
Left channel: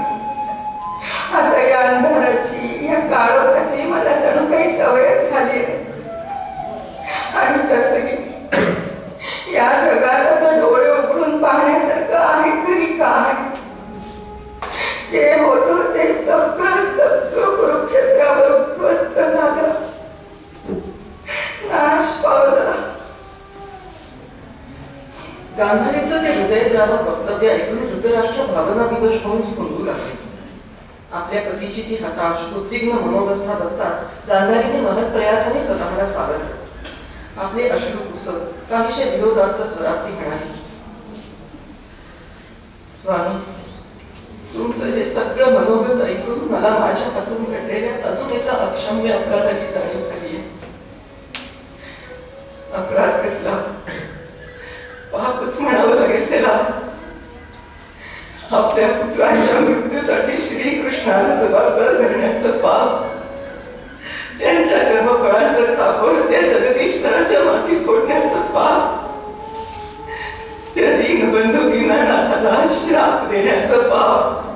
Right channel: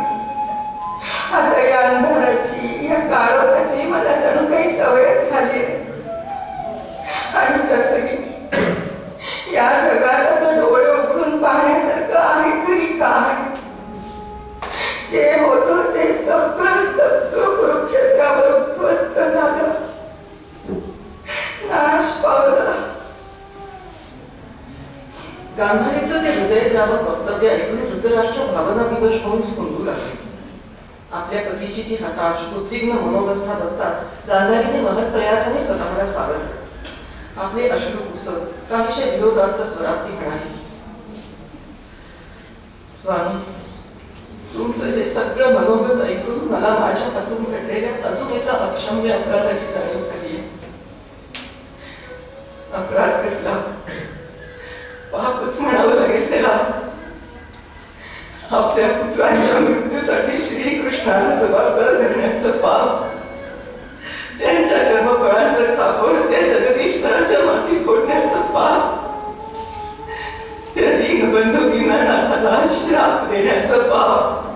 आता या अंधाराची, या काळोखाची मला जणू काही सवयच झाली आहे. आणि तसंही या जगात आता डोळे उघडून पाहण्यासारखं आहे तरी काय? जे होतं ते सगळं कुरुक्षेत्रावर उद्ध्वस्त झालं, नाश पावला. गांधारीचं ते हृदयद्रावक वक्तव्य ऐकून धृतराष्ट्र भावना विवश होऊन स्फुंदू लागले. आपल्या पतीची ती हताश, उद्विग्न मनोवस्था बघताच गांधारीने महत् प्रयासाने स्वतःला सावरलं. आपले अश्रू पुसत काहीशे विरोधार्थ स्वरात ती म्हणाली, स्वामी, तुमचं हे सगळं मनोगत ऐकून मला माझ्या हातून घडलेल्या अजून एका अक्षम्य अपराधाची जाणीव झाली आहे. अपराध कसला, पापच म्हणावं लागेल त्याला. आपल्या पुत्रांच्या मृत्यूसाठी श्रीकृष्णाला जबाबदार धरण्याचं पाप, त्यांच्या कर्मफळाचं खापर त्या जगदीश्वराच्या माती फोडण्याचं पाप, त्या दीनबंधू दीनानाथाला श्राप देण्याचं पाप,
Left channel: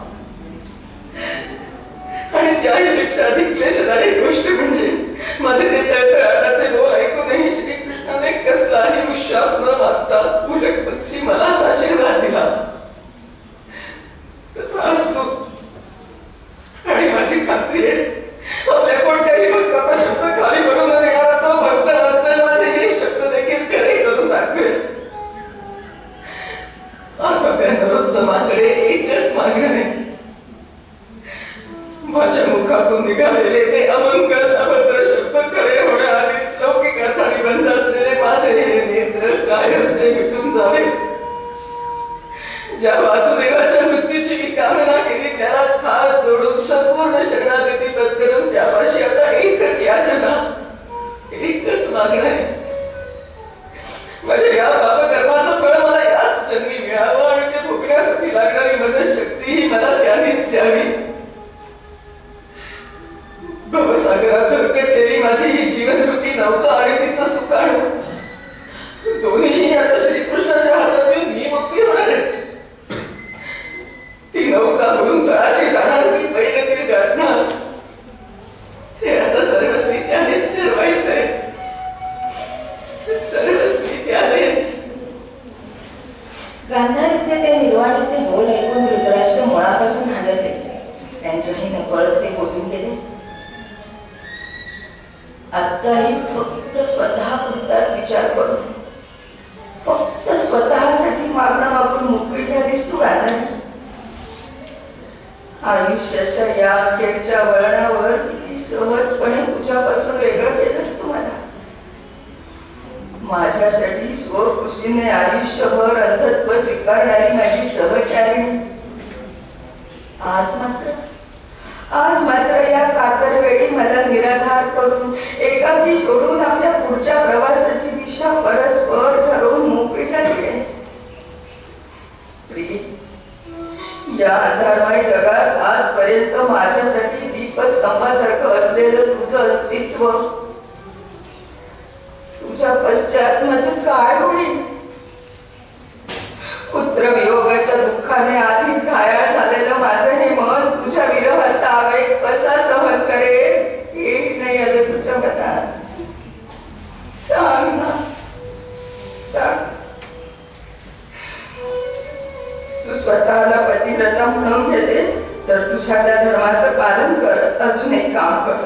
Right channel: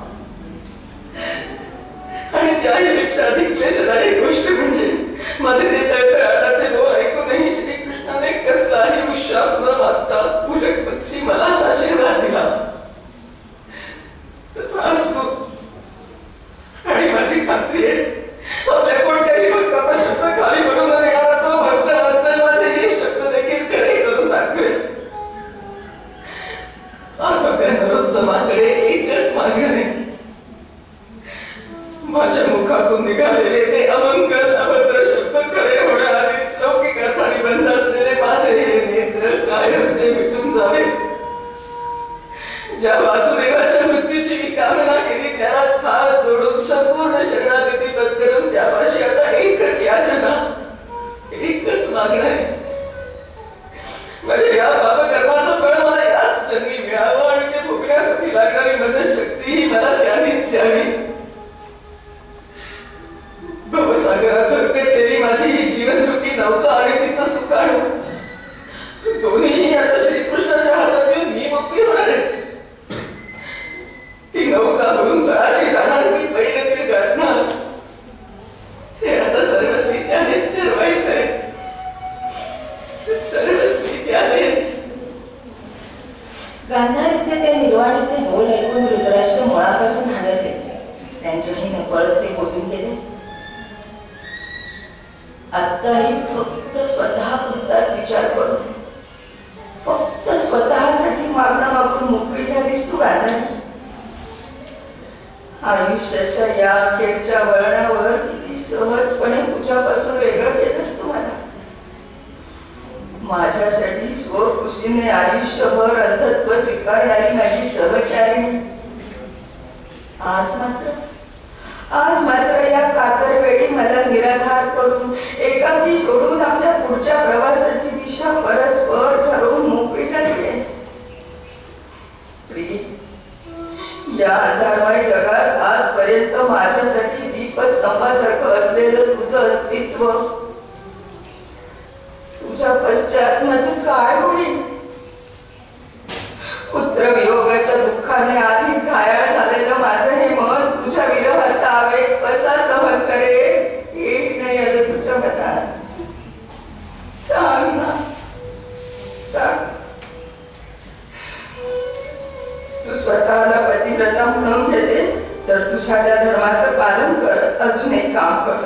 आणि त्याहीपेक्षा अधिक क्लेशदायक गोष्ट म्हणजे माझे ते तळतळाटाचे बोल ऐकूनही श्रीकृष्णाने कसलाही उशाप न मागता उलट पक्षी मलाच आशीर्वाद दिला. तथास्तु. आणि माझी खात्री आहे आपल्या कोणत्याही भक्ताचा शब्द खाली पडू न देणारा तो भक्त वात्सल माझे हे शब्द देखील खरे करून दाखवेल. आता त्या नरोत्तमाकडे एकच मागणं आहे. माझ्या मुखातून निघालेले ते अमंगल अभद्र शब्द खरे होण्याआधीच लौकिक अर्थाने बंद असलेले माझे हे नेत्र कायमचे मिटून जावे. ज्या वासुदेवाच्या मृत्यूची मी कामना केली त्यालाच हात जोडून संपूर्ण शरणागती पत्करून त्यापाशी आता एकच याचना, एकच मागणं आहे. माझ्या या पापकर्माचं फळ मला याच जन्मी मिळावं आणि ते भोगण्यासाठी लागणारी मदतशक्ती ही मला त्यानेच द्यावी. भवसागरात भरकटलेली माझी ही जीवनरूपी नौका आणि तिचं सुकाणू दोन्ही आता श्रीकृष्णाच्या हातात येऊन मी मोकळी होणार आहे. ती नौका म्हणून तळाशी जाणार की पैलतील गाठणार हे आता सर्वस्वी त्यानेच ठरवायचंय. सर्वस्वी त्यानेच. गांधारीचे ते निर्वाणीचे बोल ऐकून धृतराष्ट्र मुळापासून हादरले. त्यांच्याही नकळत ते बोलून गेले. आत्ताही फक्त स्वतःपुरताच विचार करून फक्त स्वतःसाठी मागणं मागून मोकळी झालीस तू गांधारी. आयुष्याच्या या अखेरच्या वळणावर किती सहजपणे तुझ्यापासून वेगळं केलंस तू मला. माझ्यासाठी स्वखुशीने आयुष्यभर अंधत्व स्वीकारणारी माझी सहचारिणी आज मात्र या कातर वेळी मला निराधार करून एकाकी सोडून आपल्या पुढच्या प्रवासाची दिशा परस्पर ठरवून मोकळी झाली आहे. प्रिय, या अंधारमय जगात आजपर्यंत माझ्यासाठी दीपस्तंभासारखं असलेलं तुझं अस्तित्व, तुझ्या पश्चात माझं काय होईल? पुत्र वियोगाच्या दुःखाने आधीच घायाळ झालेलं माझं हे मन तुझ्या विरहाचा आवेग कसा सहन करेल एक नाही आलं तुझ्या मनात. सांग ना, सांग. तू स्वतःला पतिव्रता म्हणून घेतेस तर तुझ्या त्या धर्माचं पालन करत अजून एक काम कर.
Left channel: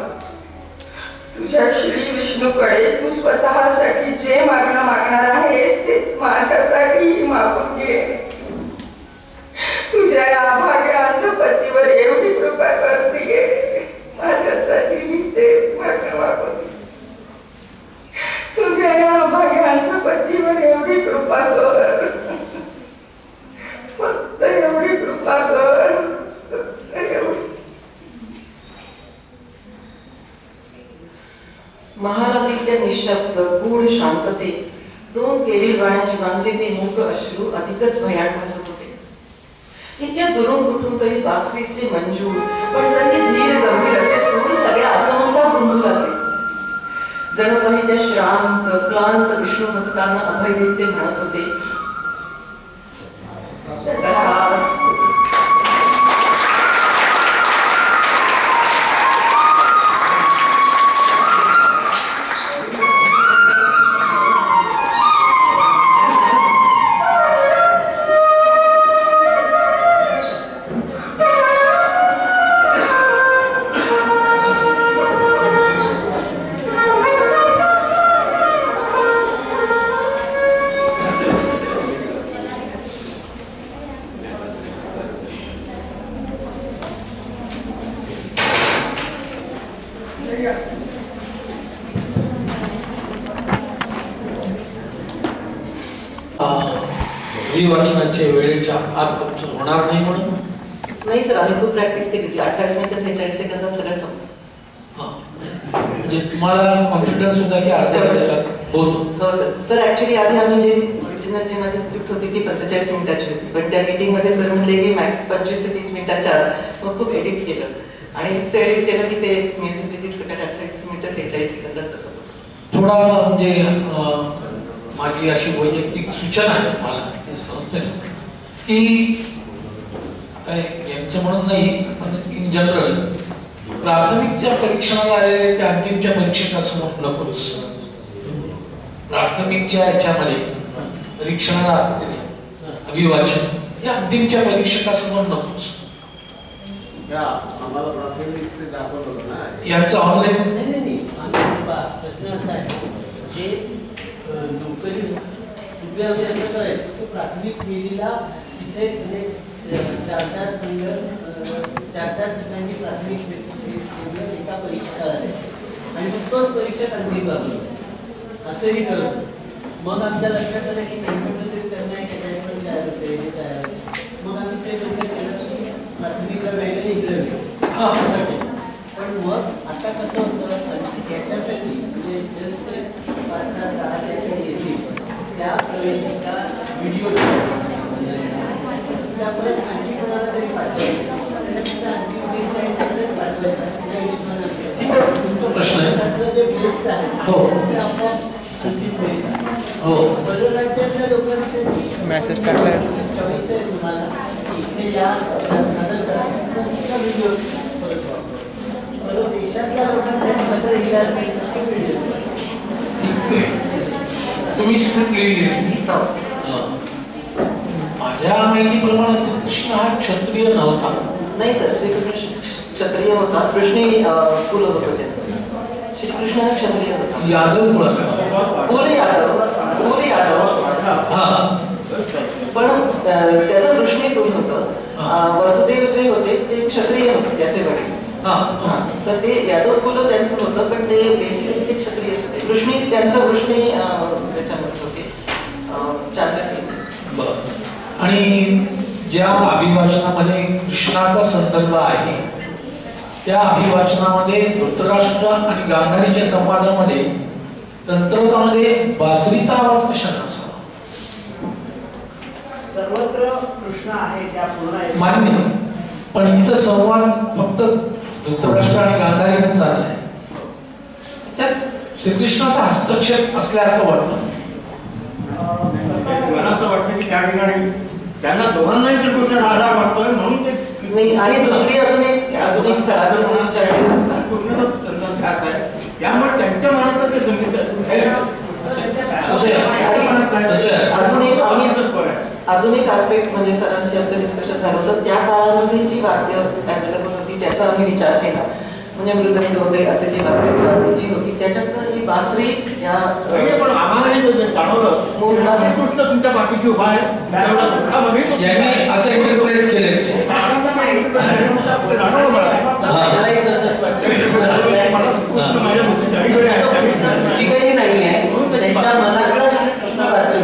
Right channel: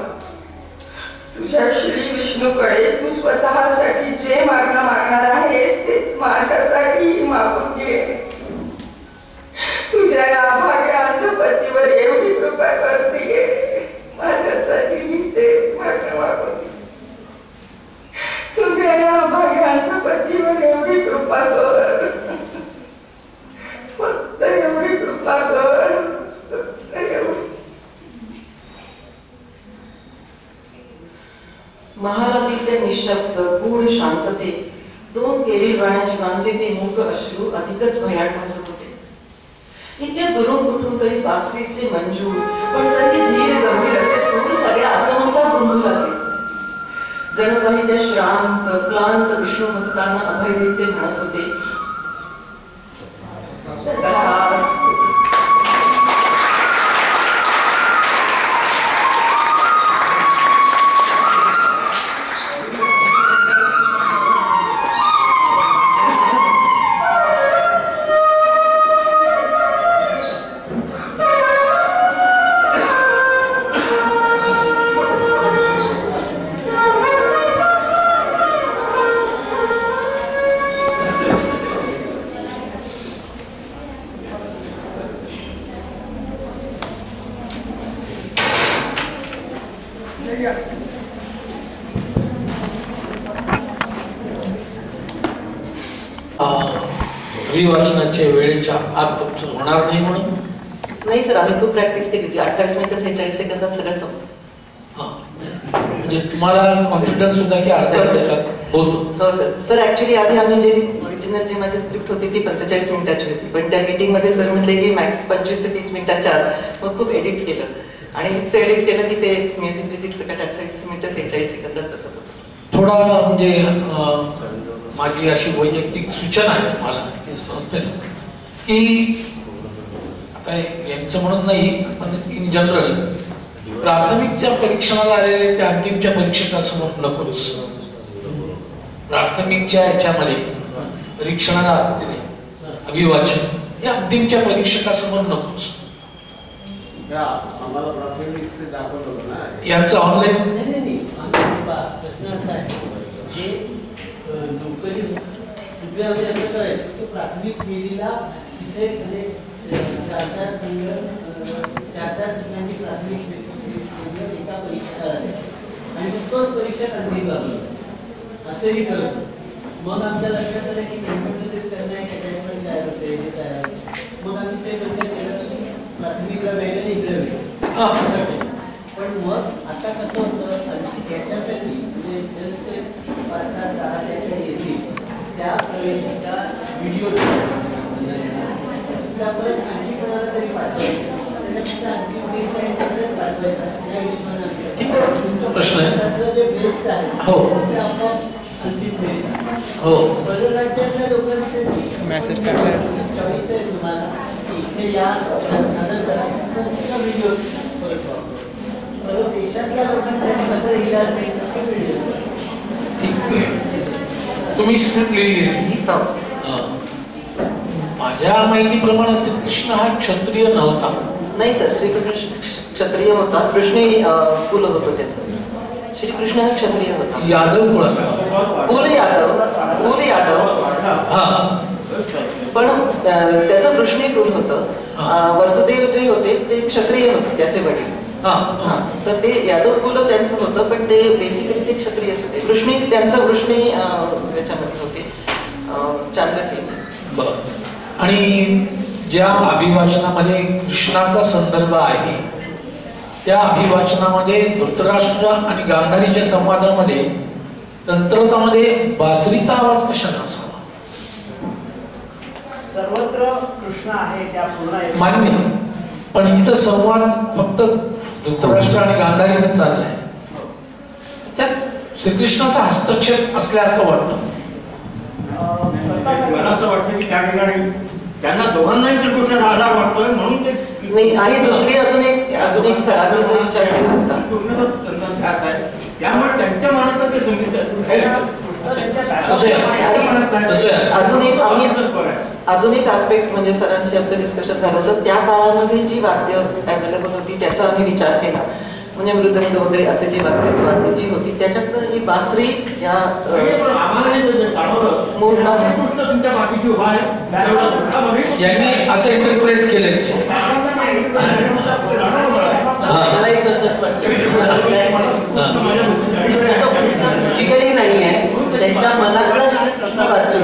तुझ्या श्री विष्णूकडे तू स्वतःसाठी जे मागणं मागणार आहेस तेच माझ्यासाठी मागून घे. तुझ्या या अभाग्या अंधपतीवर एवढी कृपा करतेय, माझ्यासाठी तेच मागणं मागून घे. तुझ्या या अभाग्या अंधपतीवर एवढी कृपा कर, फक्त एवढी कृपा कर, फक्त एवढी. महालातील त्या निशब्द गूढ शांततेत दोन केविलवाण्या जीवांचे ते मूक अश्रू अधिकच भयान भासत होते. इतक्या दुरून कुठून तरी बासरीचे मंजूळ पण तरी धीर गंभीर असे सूर सगळ्या असमंतात गुंजू लागले. जणू काही त्या श्रांत क्लांत विष्णू भक्तांना अभय देत ते म्हणत होते, तथास्तु. अभिवाचनाच्या वेळेच्या आत तुमचं होणार नाही म्हणून नाही सर, आम्ही खूप प्रॅक्टिस केली होती. 28 मिनिटं 46 सेकंदात सगळं संपलं. म्हणजे तुम्हाला कॉन्फिडन्स होता की अर्ध्या तासात होतो? हो सर. सर ऍक्च्युली आधी आम्ही जे ओरिजिनल जी माझी स्क्रिप्ट होती ती 45 मिनिटाची होती, पण त्या मीटिंग मध्ये सर म्हणले की मॅक्स 25 ते 30 मिनिटाच्या आत. मग खूप एडिट केलं आणि इतकं एडिट केलं की ते म्युझिक रिलीज सगळं 28 मिनिटं 46 सेकंदात तसं होतं. थोडा म्हणजे माझी अशी वैयक्तिक सूचना आहे मला संस्थेने की आता यांचं म्हणत नाही पण इन जनरल प्राथमिकच्या परीक्षणाला आलेले त्या अंतिमच्या परीक्षकासमोर नकोच. प्राथमिकच्या याच्यामध्ये परीक्षणाला असलेले अभिवाचन हे अंतिमच्या परीक्षकासमोर नकोच. आम्हाला प्राथमिक दाखवलं होतं ना यांचं ऑनलाईन नाही प्रश्न असा आहे जे नोकरी पूर्वी आम्ही असं करायचो की प्राथमिक फेरीला तिथे म्हणजे 4-4 संघ 4-4 ठिकाणी प्राथमिक फेरीला एका परीक्षकाला आणि मग तोच परीक्षक अंतिम लावला असंही करत. मग आमच्या लक्षात आलं की नेमकं त्यांना एक अटॅचमेंट तयार होते हे तयार होते. मग आम्ही ते बंद केलं, प्राथमिकला वेगळं इकडे वेगळं असं केलं. पण मग आता कसं होतं त्याच्यासाठी म्हणजे जस्ट 5-7-10 त्याकडे येतील त्या प्रवेशिका व्हिडिओ त्यामुळे आणखी कोणाला तरी पाठवायचं त्याच्यापेक्षा आणखी पाठवायचा त्या हिशोबाने प्रश्न आहे. त्यातलं जे बेस्ट आहे हो. ते आपोआप संधीच मिळतात. हो. परराज्यातल्या लोकांचे मेसेज टाकलाय चॉईस आहे तुम्हाला की इथे या सादर करा व्हिडिओ परत वापरा. देशातल्या लोकांसाठी मात्र इलाज नाही व्हिडिओ. तुम्ही स्क्रिप्ट लिहिली. माझ्या माहितीप्रमाणे श्रीकृष्ण हा क्षत्रिय नव्हता. नाही सर, श्रीकृष्ण क्षत्रिय होता. कृष्ण कुल होतं त्याचं. श्रीकृष्ण हा क्षत्रिय होता. यादव कुळाचा. कुल यादव हा. पण त्याचं कृष्णी कुल होतं. वसुदेव जे होते ते क्षत्रिय होते त्याचे वडील. तर ते यादव कुल त्यांचं होतं, पण ते बेसिकली ते क्षत्रिय होते. कृष्णी त्यांचं कृष्णी त्याच्यामध्ये होते चांद्रसेन. आणि ज्या अभिवाचनामध्ये कृष्णाचा संदर्भ आहे त्या अभिवाचनामध्ये धृतराष्ट्र आणि गांधारीच्या संवादामध्ये तंत्रतामध्ये बासरीचा आवाज कशाला असावा? सर्वत्र कृष्ण आहे त्या पूर्ण मान्य, पण इथं संवाद फक्त धृतराष्ट्र आणि गांधारीचा चाललाय. त्यात श्रीकृष्णाचा हस्तक्षेप असल्यासारखं वाटतं. मला असं वाटतं की त्या ठिकाणी त्यांना दोघांनाही कृष्णाचा आधार वाटतोय म्हणून ते नाही. आणि दुसरी अजून एक स्थळावर जो विचार केला होता ध्यास आहे त्यामुळे त्यांच्या मनात ते संगीत अजून एक आस्पेक्ट म्हणजे सरांशी आमचं डिस्कशन झालं होतं. त्या काळामध्ये जी वाद्य अवेलेबल होती त्याचा आम्ही विचार केला. म्हणजे मृदंग वगैरे असे जे वाद्य जी होती त्याच्यात ही बासरी या आम्हालाही जाणवलं कृष्ण तुमच्या पाठीशी उभा आहे. यांनी असं इंटरप्रेट केलंय. काही नाही आहे त्यांच्या मनातला कृष्ण बासरी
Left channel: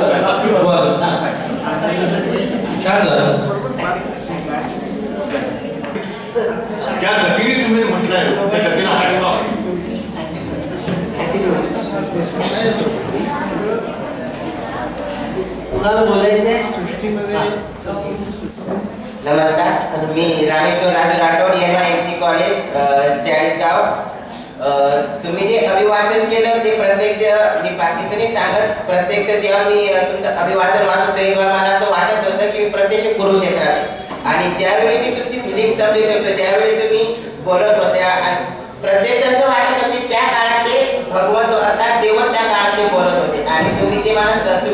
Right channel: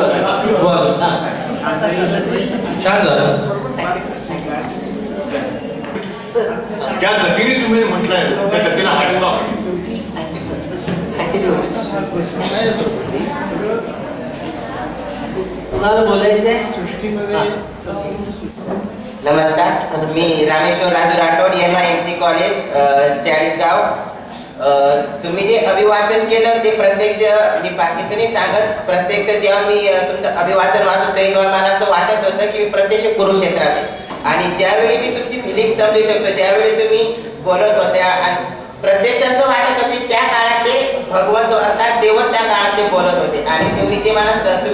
बघा. छान झालं. ज्या गतीने तुम्ही म्हटलंय त्या गतीला हात कुणाला बोलायचंय सृष्टीमध्ये? नमस्कार, मी रामेश्वर राजू राठोड, MIMC कॉलेज चाळीसगाव. तुम्ही जे अभिवाचन केलं ते प्रत्यक्ष मी बाकीचं नाही सांगत. प्रत्यक्ष जेव्हा मी तुमचं अभिवाचन वाचत होते तेव्हा मला असं वाटत होतं की मी प्रत्यक्ष कुरुक्षेत्रात आहे. आणि ज्यावेळी मी तुमची फिलिंग समजू शकतो ज्यावेळी तुम्ही बोलत होत्या प्रत्यक्ष असं वाटत होते त्या काळात ते भगवंत अर्थात देवच त्या काळात ते बोलत होते. आणि तुम्ही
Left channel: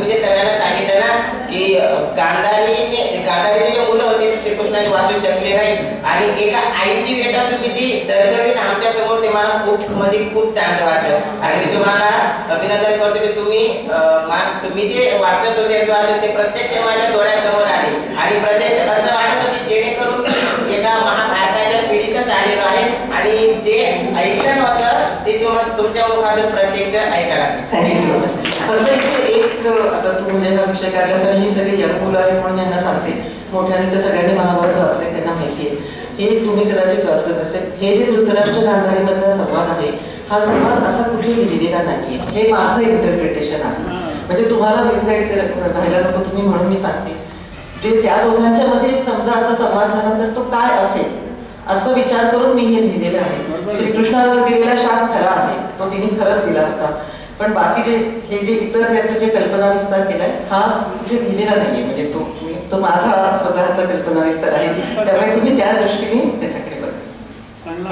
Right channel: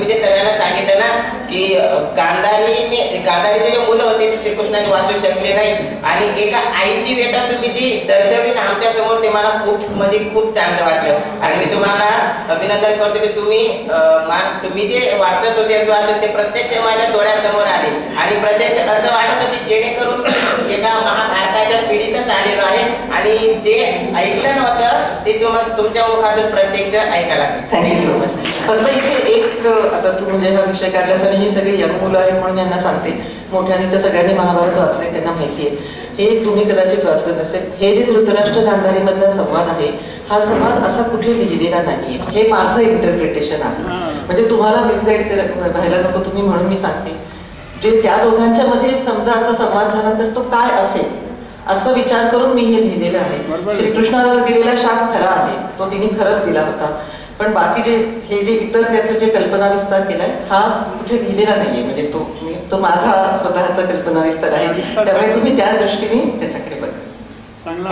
जे सगळ्यांना सांगितलं ना की गांधारीचे जे मुलं होते श्रीकृष्णाने वाचू शकले नाही आणि एका आईची वेटा तुम्ही जी दर्शवली ना आमच्या समोर ते मला खूप चांगलं वाटलं. आणि मी तुम्हाला अभिनंदन करतो की तुम्ही जे वाचत होते ते प्रत्यक्ष माझ्या डोळ्यासमोर आले आणि प्रत्यक्ष असं वाटत होते जेणेकरून एका महाभारताच्या पिढीतच आलेलो आहे आणि जे ऐकलं नव्हतं ते तुमच्या मुखातून प्रत्यक्ष ऐकायला. Thank you so much. फक्त इथे एक आता तू म्हणजे हा विषय काढल्यास आणि ही सगळी यंग मुलं आहेत म्हणून यांना सांगते, मोठ्याने तर सगळ्यांनी महाभारत वाचले, त्यांना माहिती आहे. हे तुम्ही कदाचित वाचलं नसेल. हे जे धृतराष्ट्र गांधारीमधला संवाद आहे, हा संवाद असा कुठे लिहिलेला नाहीये. हे माझं इंटरप्रिटेशन आहे. म्हणजे तुम्हाला मिसगाईड राहायला नको तुम्ही म्हणून मी सांगते, जे त्या दोघांच्या मध्ये समजा असा संवाद झाला तर तो काय असेल असं विचार करून मी हे लिहिलेलं आहे. श्रीकृष्णाला दिलेला शाप खरा आहे, तो तिने खरंच दिला होता. पण बाकी जे हे जे इतर त्याचं जे कल्पना विस्तार केलाय हा कुठे लिहिलेला नाहीये. म्हणजे तो माझा स्वतःचा कल्पना विस्तार आहे. त्यामुळे तुम्ही त्या दृष्टीने त्याच्याकडे बघा. चांगला